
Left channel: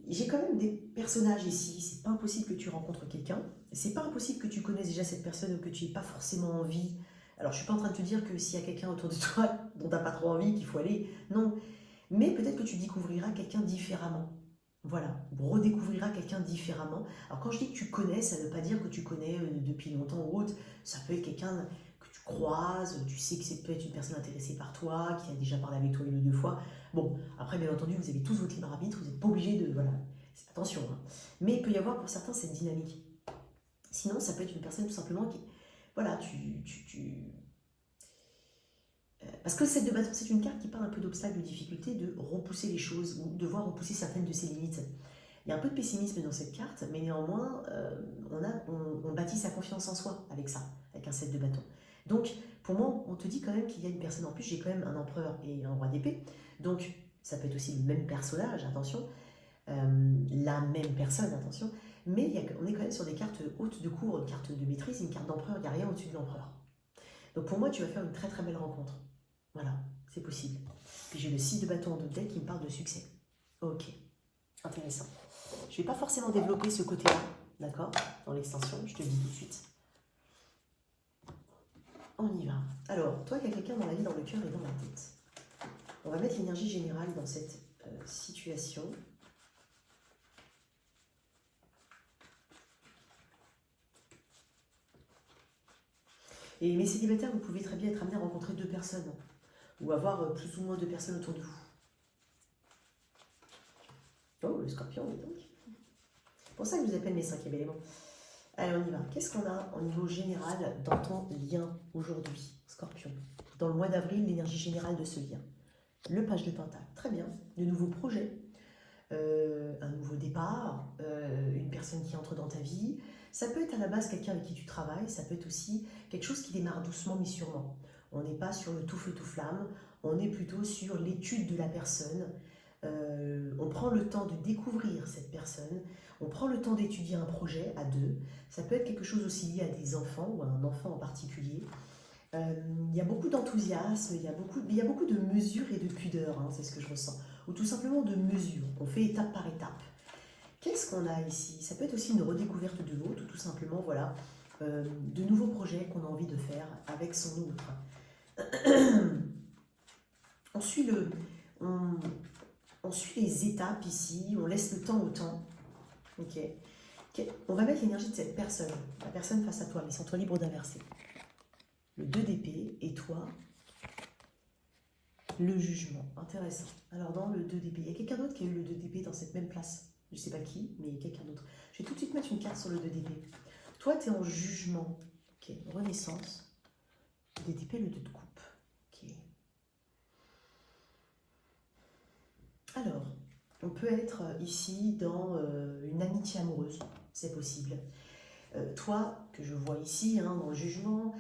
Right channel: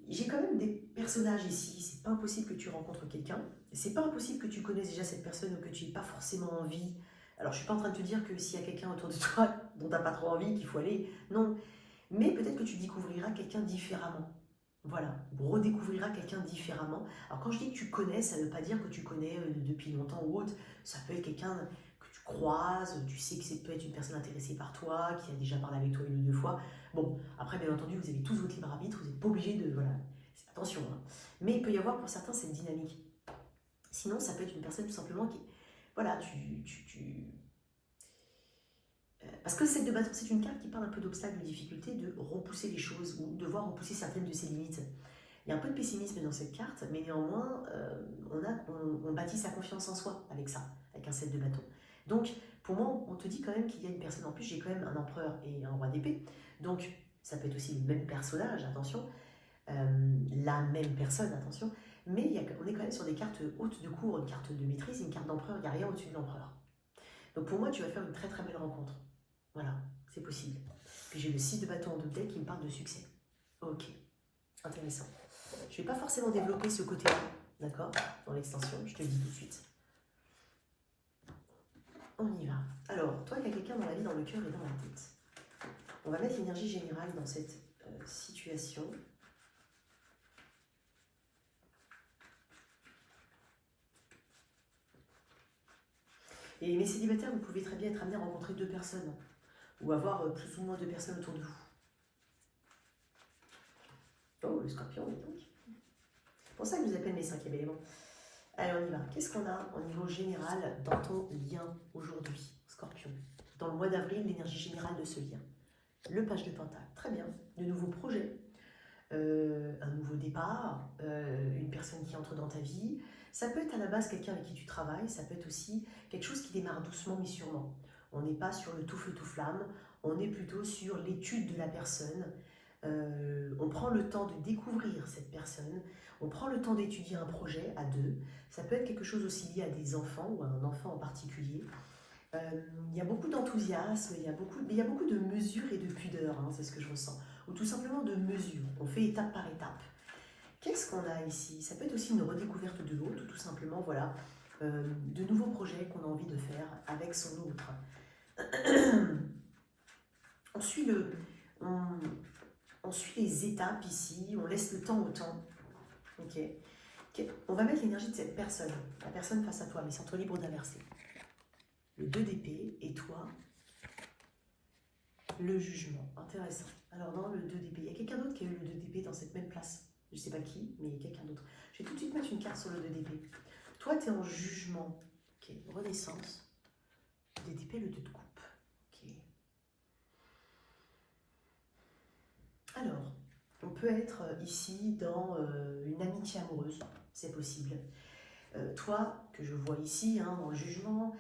j'ai quand même des personnages ici, c'est pas impossible que tu rencontres quelqu'un, c'est pas impossible que tu connaisses déjà cette personne ou que tu n'aies pas forcément envie. Alors, je suis pas en train de te dire que s'il y a quelqu'un autour de toi dont tu n'as pas trop envie, qu'il faut aller, non. Mais peut-être que tu découvriras quelqu'un différemment. Voilà, ou redécouvriras quelqu'un différemment. Alors quand je dis que tu connais, ça ne veut pas dire que tu connais depuis longtemps ou autre. Ça peut être quelqu'un que tu croises, tu sais que c'est peut-être une personne intéressée par toi, qui a déjà parlé avec toi une ou deux fois. Bon, après bien entendu, vous avez tous votre libre arbitre, vous n'êtes pas obligé de... Voilà, attention. Hein. Mais il peut y avoir pour certains cette dynamique. Sinon, ça peut être une personne tout simplement qui... Voilà, parce que le 7 de bâton, c'est une carte qui parle un peu d'obstacles, de difficultés, de repousser les choses ou de devoir repousser certaines de ses limites. Il y a un peu de pessimisme dans cette carte, mais néanmoins, on bâtit sa confiance en soi avec ça, avec un 7 de bâton. Donc, pour moi, on te dit quand même qu'il y a une personne en plus. J'ai quand même un empereur et un roi d'épée. Donc, ça peut être aussi le même personnage, attention. La même personne, attention. Mais on est quand même sur des cartes hautes de cour, une carte de maîtrise, une carte d'empereur. Il n'y a rien au-dessus de l'empereur. Donc, pour moi, tu vas faire une très très belle rencontre. Voilà, c'est possible. J'ai le 6 de bâton en double qui me parle de succès. Ok, intéressant. Je ne vais pas forcément développer ce côté-là, d'accord, dans l'extension, je te le dis tout de suite. On y va. Alors, toi, il y a quelqu'un dans la vie, dans le cœur et dans la tête. On va mettre l'énergie générale dans cette situation. Et mes célibataires, vous pouvez très bien être amenés à rencontrer deux personnes, ou avoir plus ou moins de personnes autour de vous. Oh, le scorpion, oui donc. C'est pour ça que je vous appelle mes 5e éléments. Allez, on y va. Qu'est-ce qu'on a au niveau général dans ton lien aujourd'hui, scorpion? Dans le mois d'avril, l'énergie générale de ce lien. Le page de Pentacle, très bien. De nouveaux projets, un nouveau départ, une personne qui entre dans ta vie. Ça peut être à la base quelqu'un avec qui tu travailles, ça peut être aussi quelque chose qui démarre doucement mais sûrement. On n'est pas sur le tout feu tout flamme, on est plutôt sur l'étude de la personne, On prend le temps de découvrir cette personne, on prend le temps d'étudier un projet à deux. Ça peut être quelque chose aussi lié à des enfants ou à un enfant en particulier. Il y a beaucoup d'enthousiasme, il y a beaucoup de mesure et de pudeur, hein, c'est ce que je ressens. Ou tout simplement de mesure, on fait étape par étape. Qu'est-ce qu'on a ici? Ça peut être aussi une redécouverte de l'autre, ou tout simplement, voilà, de nouveaux projets qu'on a envie de faire avec son autre. On suit, on, on suit les étapes ici, on laisse le temps au temps. Ok. On va mettre l'énergie de cette personne, la personne face à toi, mais centre libre d'inverser. Le 2 d'épée et toi, le jugement. Intéressant. Alors dans le 2 d'épée, il y a quelqu'un d'autre qui a eu le 2 d'épée dans cette même place. Je ne sais pas qui, mais il y a quelqu'un d'autre. Je vais tout de suite mettre une carte sur le 2 d'épée. Toi, tu es en jugement. Ok, renaissance. Le 2 d'épée, le 2 de coupe. Ok. Alors, on peut être ici dans une amitié amoureuse. C'est possible. Toi, que je vois ici, hein, en jugement,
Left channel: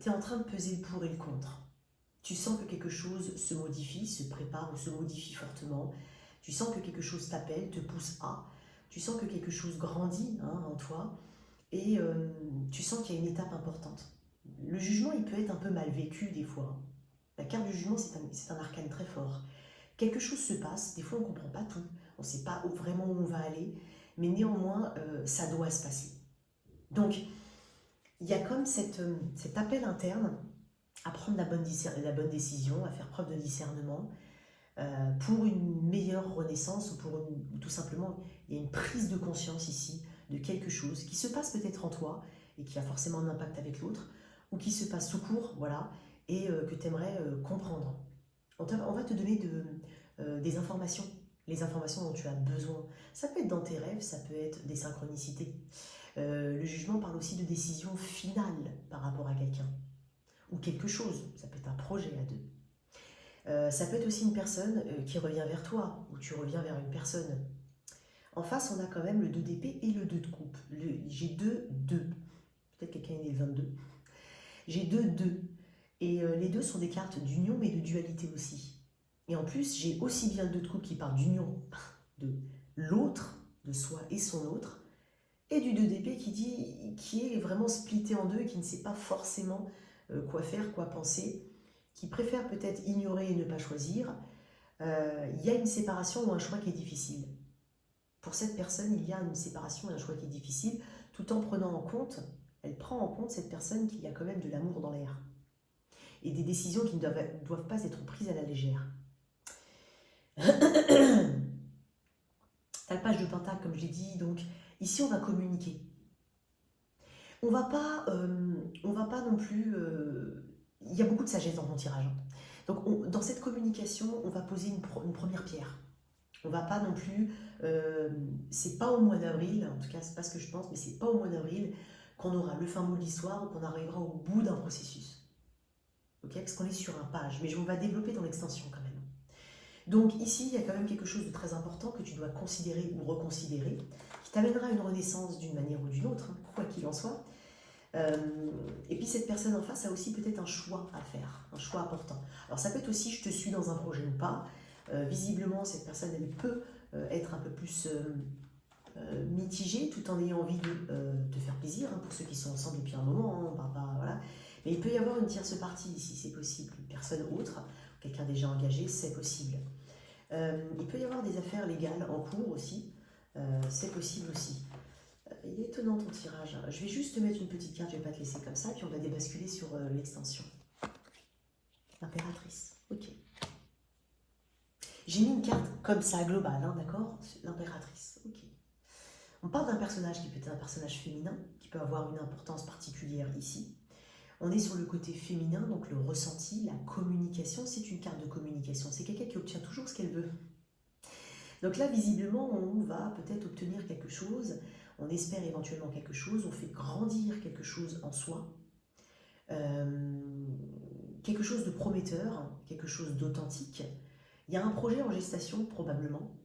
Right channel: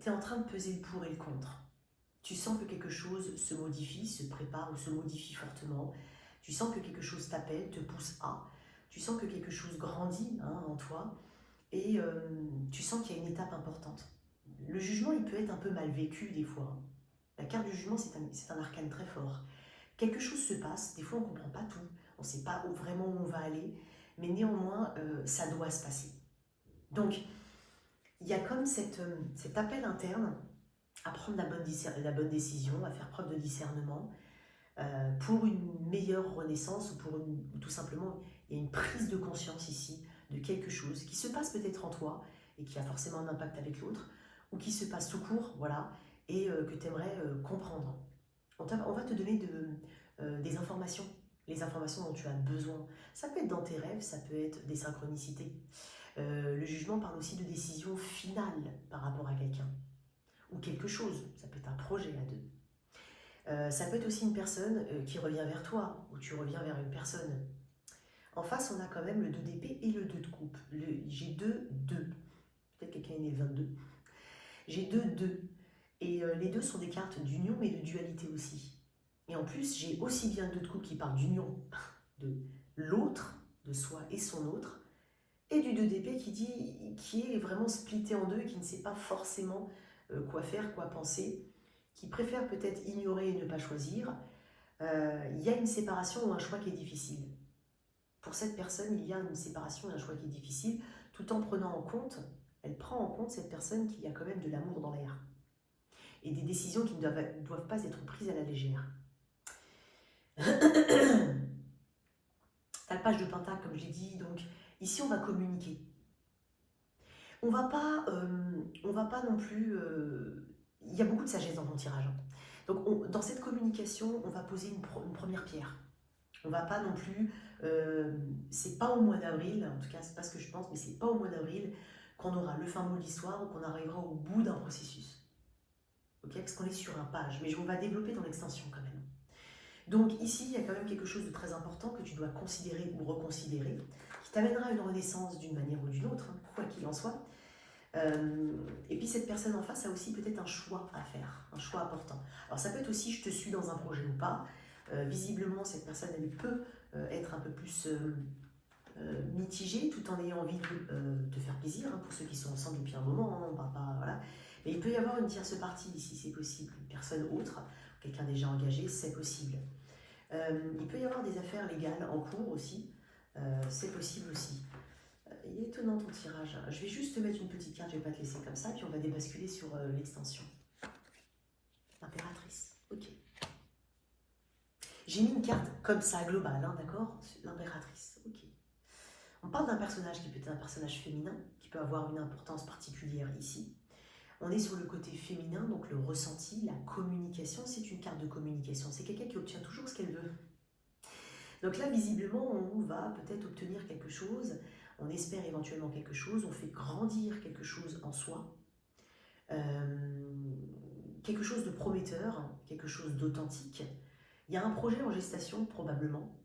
tu es en train de peser le pour et le contre. Tu sens que quelque chose se modifie, se prépare ou se modifie fortement. Tu sens que quelque chose t'appelle, te pousse à. Tu sens que quelque chose grandit, hein, en toi. Et tu sens qu'il y a une étape importante. Le jugement, il peut être un peu mal vécu des fois. La carte du jugement, c'est un arcane très fort. Quelque chose se passe, des fois on ne comprend pas tout. On ne sait pas vraiment où on va aller. Mais néanmoins, ça doit se passer. Donc, il y a comme cet appel interne à prendre la bonne décision, à faire preuve de discernement pour une meilleure renaissance ou tout simplement, il y a une prise de conscience ici de quelque chose qui se passe peut-être en toi et qui a forcément un impact avec l'autre ou qui se passe tout court, voilà, et que tu aimerais comprendre. On va te donner des informations, les informations dont tu as besoin. Ça peut être dans tes rêves, ça peut être des synchronicités. Le jugement parle aussi de décision finale par rapport à quelqu'un ou quelque chose. Ça peut être un projet à deux. Ça peut être aussi une personne qui revient vers toi ou tu reviens vers une personne. En face, on a quand même le 2 d'épée et le 2 de coupe. J'ai 2, 2. Peut-être quelqu'un est né le 22. J'ai 2, 2. Et les deux sont des cartes d'union mais de dualité aussi. Et en plus, j'ai aussi bien le 2 de coupe qui parle d'union de l'autre, de soi et son autre, et du 2 d'épée qui est vraiment splitté en deux et qui ne sait pas forcément quoi faire, quoi penser, qui préfère peut-être ignorer et ne pas choisir. Il y a une séparation ou un choix qui est difficile. Pour cette personne, il y a une séparation et un choix qui est difficile, tout en prenant en compte, elle prend en compte cette personne qu'il y a quand même de l'amour dans l'air. Et des décisions qui ne doivent pas être prises à la légère. T'as le page de pentacle, comme je l'ai dit, donc ici on va communiquer. On va pas non plus... il y a beaucoup de sagesse dans mon tirage. Donc dans cette communication, on va poser une première pierre. On va pas non plus... c'est pas au mois d'avril, en tout cas c'est pas ce que je pense, mais c'est pas au mois d'avril qu'on aura le fin mot de l'histoire ou qu'on arrivera au bout d'un processus. Okay, parce qu'on est sur un page, mais on va développer dans l'extension quand même. Donc ici, il y a quand même quelque chose de très important que tu dois considérer ou reconsidérer, qui t'amènera à une renaissance d'une manière ou d'une autre, hein, quoi qu'il en soit. Et puis cette personne en face a aussi peut-être un choix à faire, un choix important. Alors ça peut être aussi je te suis dans un projet ou pas. Visiblement, cette personne, elle peut être un peu plus mitigée, tout en ayant envie de te faire plaisir, hein, pour ceux qui sont ensemble depuis un moment, hein, on parle pas, voilà. Mais il peut y avoir une tierce partie ici, c'est possible, une personne autre, quelqu'un déjà engagé, c'est possible. Il peut y avoir des affaires légales en cours aussi, c'est possible aussi. Il est étonnant ton tirage. Je vais juste te mettre une petite carte, je ne vais pas te laisser comme ça, puis on va débasculer sur l'extension. L'impératrice, ok. J'ai mis une carte comme ça, globale, hein, d'accord? L'impératrice, ok. On parle d'un personnage qui peut être un personnage féminin, qui peut avoir une importance particulière ici. On est sur le côté féminin, donc le ressenti, la communication, c'est une carte de communication. C'est quelqu'un qui obtient toujours ce qu'elle veut. Donc là, visiblement, on va peut-être obtenir quelque chose, on espère éventuellement quelque chose, on fait grandir quelque chose en soi, quelque chose de prometteur, quelque chose d'authentique. Il y a un projet en gestation, probablement,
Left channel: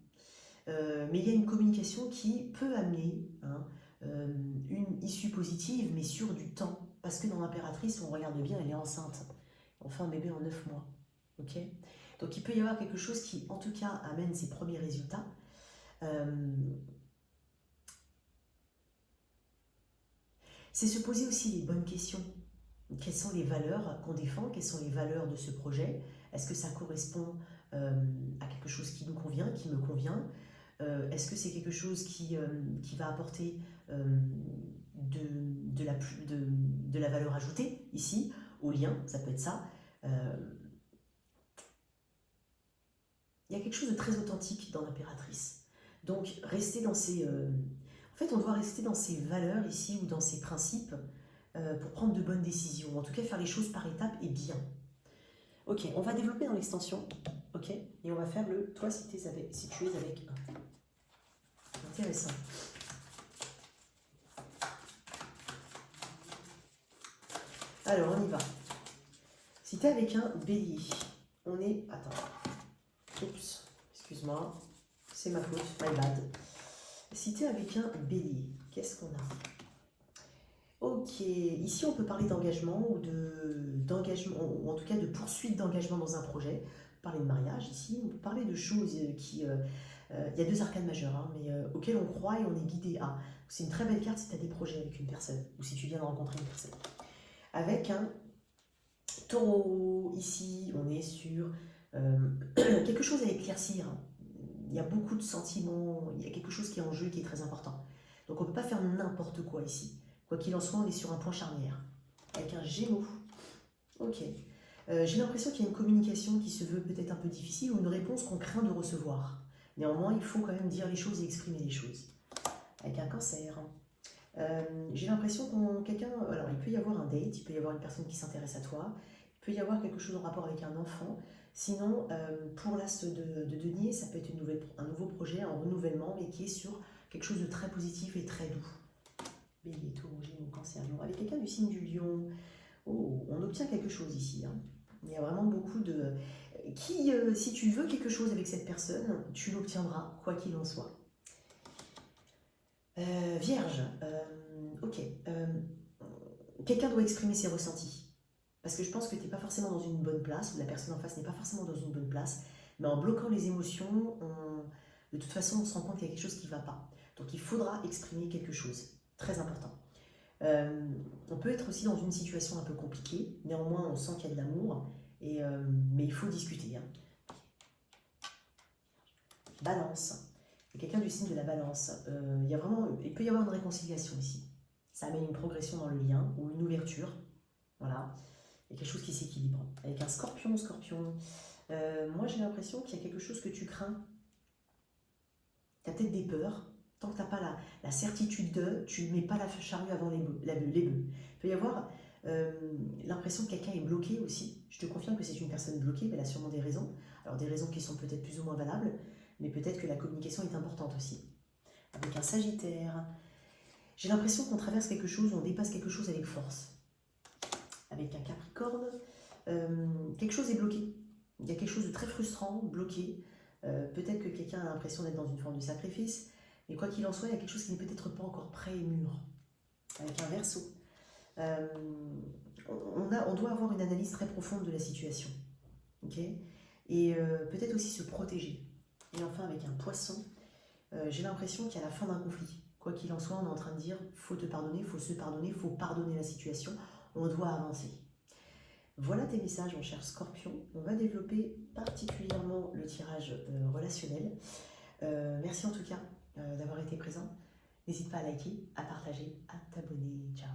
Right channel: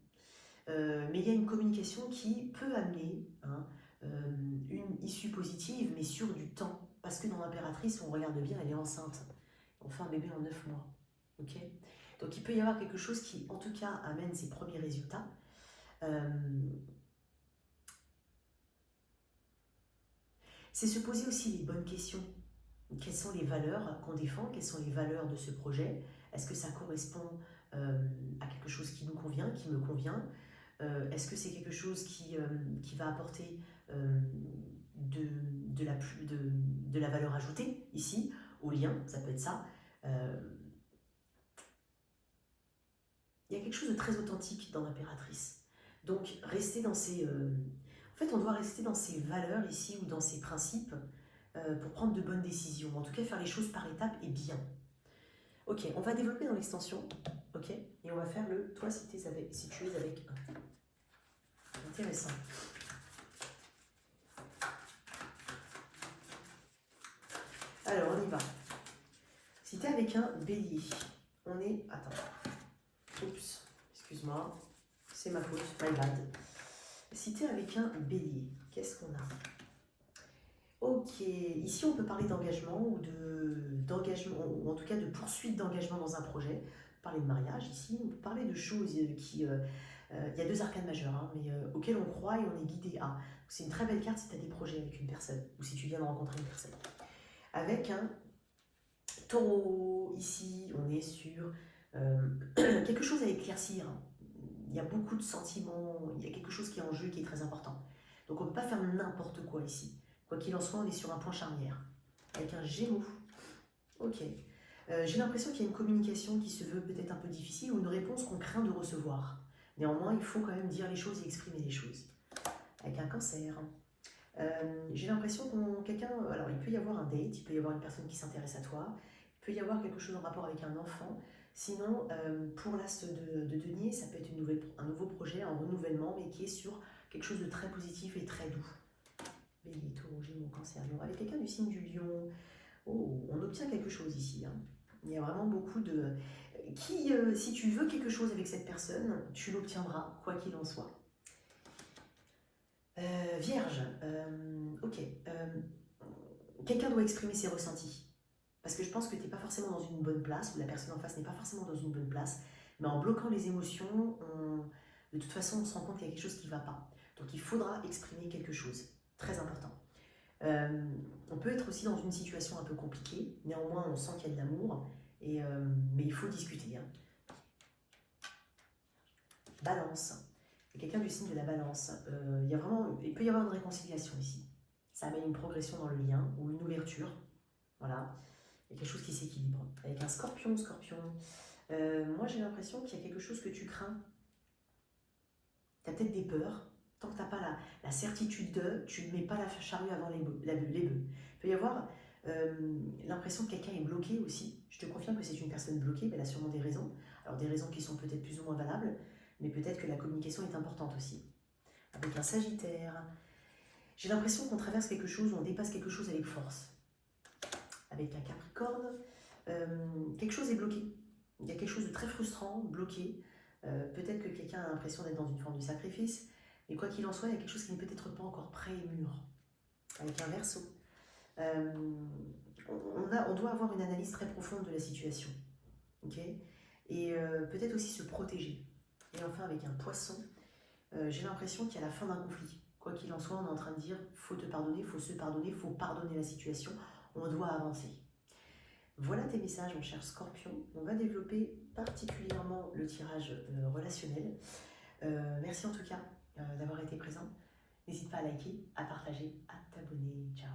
mais il y a une communication qui peut amener une issue positive, mais sur du temps. Parce que dans l'impératrice, on regarde bien, elle est enceinte. On fait un bébé en 9 mois. Okay, Donc il peut y avoir quelque chose qui, en tout cas, amène ses premiers résultats. C'est se poser aussi les bonnes questions. Quelles sont les valeurs qu'on défend? Quelles sont les valeurs de ce projet? Est-ce que ça correspond à quelque chose qui nous convient, qui me convient? Est-ce que c'est quelque chose qui va apporter de la valeur ajoutée ici, au lien? Ça peut être ça. Il y a quelque chose de très authentique dans l'impératrice. Donc, rester dans ces... en fait, on doit rester dans ces valeurs ici ou dans ces principes pour prendre de bonnes décisions. En tout cas, faire les choses par étapes et bien. Ok, on va développer dans l'extension. Ok, et on va faire le toi si tu es avec 1. Intéressant. Alors, on y va. Si tu es avec un bélier, on est... Attends. Oups, excuse-moi. C'est ma faute, my bad. Si tu es avec un bélier, qu'est-ce qu'on a? Ok, ici on peut parler d'engagement ou d'engagement, ou en tout cas de poursuite d'engagement dans un projet. On peut parler de mariage ici, on peut parler de choses qui... il y a 2 arcanes majeures, hein, mais auxquelles on croit et on est guidé à. C'est une très belle carte si tu as des projets avec une personne, ou si tu viens de rencontrer une personne. Avec un taureau, ici on est sur quelque chose à éclaircir. Il y a beaucoup de sentiments, il y a quelque chose qui est en jeu qui est très important. Donc on ne peut pas faire n'importe quoi ici. Quoi qu'il en soit, on est sur un point charnière. Avec un Gémeaux. Ok. J'ai l'impression qu'il y a une communication qui se veut peut-être un peu difficile ou une réponse qu'on craint de recevoir. Néanmoins, il faut quand même dire les choses et exprimer les choses. Avec un Cancer. J'ai l'impression qu'on quelqu'un... Alors, il peut y avoir un date, il peut y avoir une personne qui s'intéresse à toi, il peut y avoir quelque chose en rapport avec un enfant. Sinon, pour l'as de denier, ça peut être un nouveau projet, un renouvellement, mais qui est sur quelque chose de très positif et très doux. Bélier, Taureau, Gémeaux, Cancer, Lion. Avec quelqu'un du signe du Lion, oh, on obtient quelque chose ici. Hein. Il y a vraiment beaucoup de... si tu veux quelque chose avec cette personne, tu l'obtiendras, quoi qu'il en soit. Vierge, ok. Quelqu'un doit exprimer ses ressentis. Parce que je pense que tu n'es pas forcément dans une bonne place, ou la personne en face n'est pas forcément dans une bonne place, mais en bloquant les émotions, de toute façon, on se rend compte qu'il y a quelque chose qui ne va pas. Donc il faudra exprimer quelque chose. Très important. On peut être aussi dans une situation un peu compliquée, néanmoins on sent qu'il y a de l'amour, mais il faut discuter. Hein. Balance. Il y a quelqu'un du signe de la Balance. Il peut y avoir une réconciliation ici. Ça amène une progression dans le lien ou une ouverture. Voilà. Il y a quelque chose qui s'équilibre. Avec un Scorpion, moi j'ai l'impression qu'il y a quelque chose que tu crains. Tu as peut-être des peurs. Tant que tu n'as pas la certitude de, tu ne mets pas la charrue avant les bœufs. Il peut y avoir l'impression que quelqu'un est bloqué aussi. Je te confirme que c'est une personne bloquée, mais elle a sûrement des raisons. Alors des raisons qui sont peut-être plus ou moins valables, mais peut-être que la communication est importante aussi. Avec un Sagittaire, j'ai l'impression qu'on traverse quelque chose, on dépasse quelque chose avec force. Avec un Capricorne, quelque chose est bloqué. Il y a quelque chose de très frustrant, bloqué. Peut-être que quelqu'un a l'impression d'être dans une forme de sacrifice. Mais quoi qu'il en soit, il y a quelque chose qui n'est peut-être pas encore prêt et mûr. Avec un Verseau. On doit avoir une analyse très profonde de la situation. Okay, et peut-être aussi se protéger. Et enfin, avec un Poisson, j'ai l'impression qu'il y a la fin d'un conflit. Quoi qu'il en soit, on est en train de dire, faut te pardonner, faut se pardonner, faut pardonner la situation. On doit avancer. Voilà tes messages, mon cher Scorpion. On va développer particulièrement le tirage relationnel. Merci en tout cas d'avoir été présent. N'hésite pas à liker, à partager, à t'abonner. Ciao.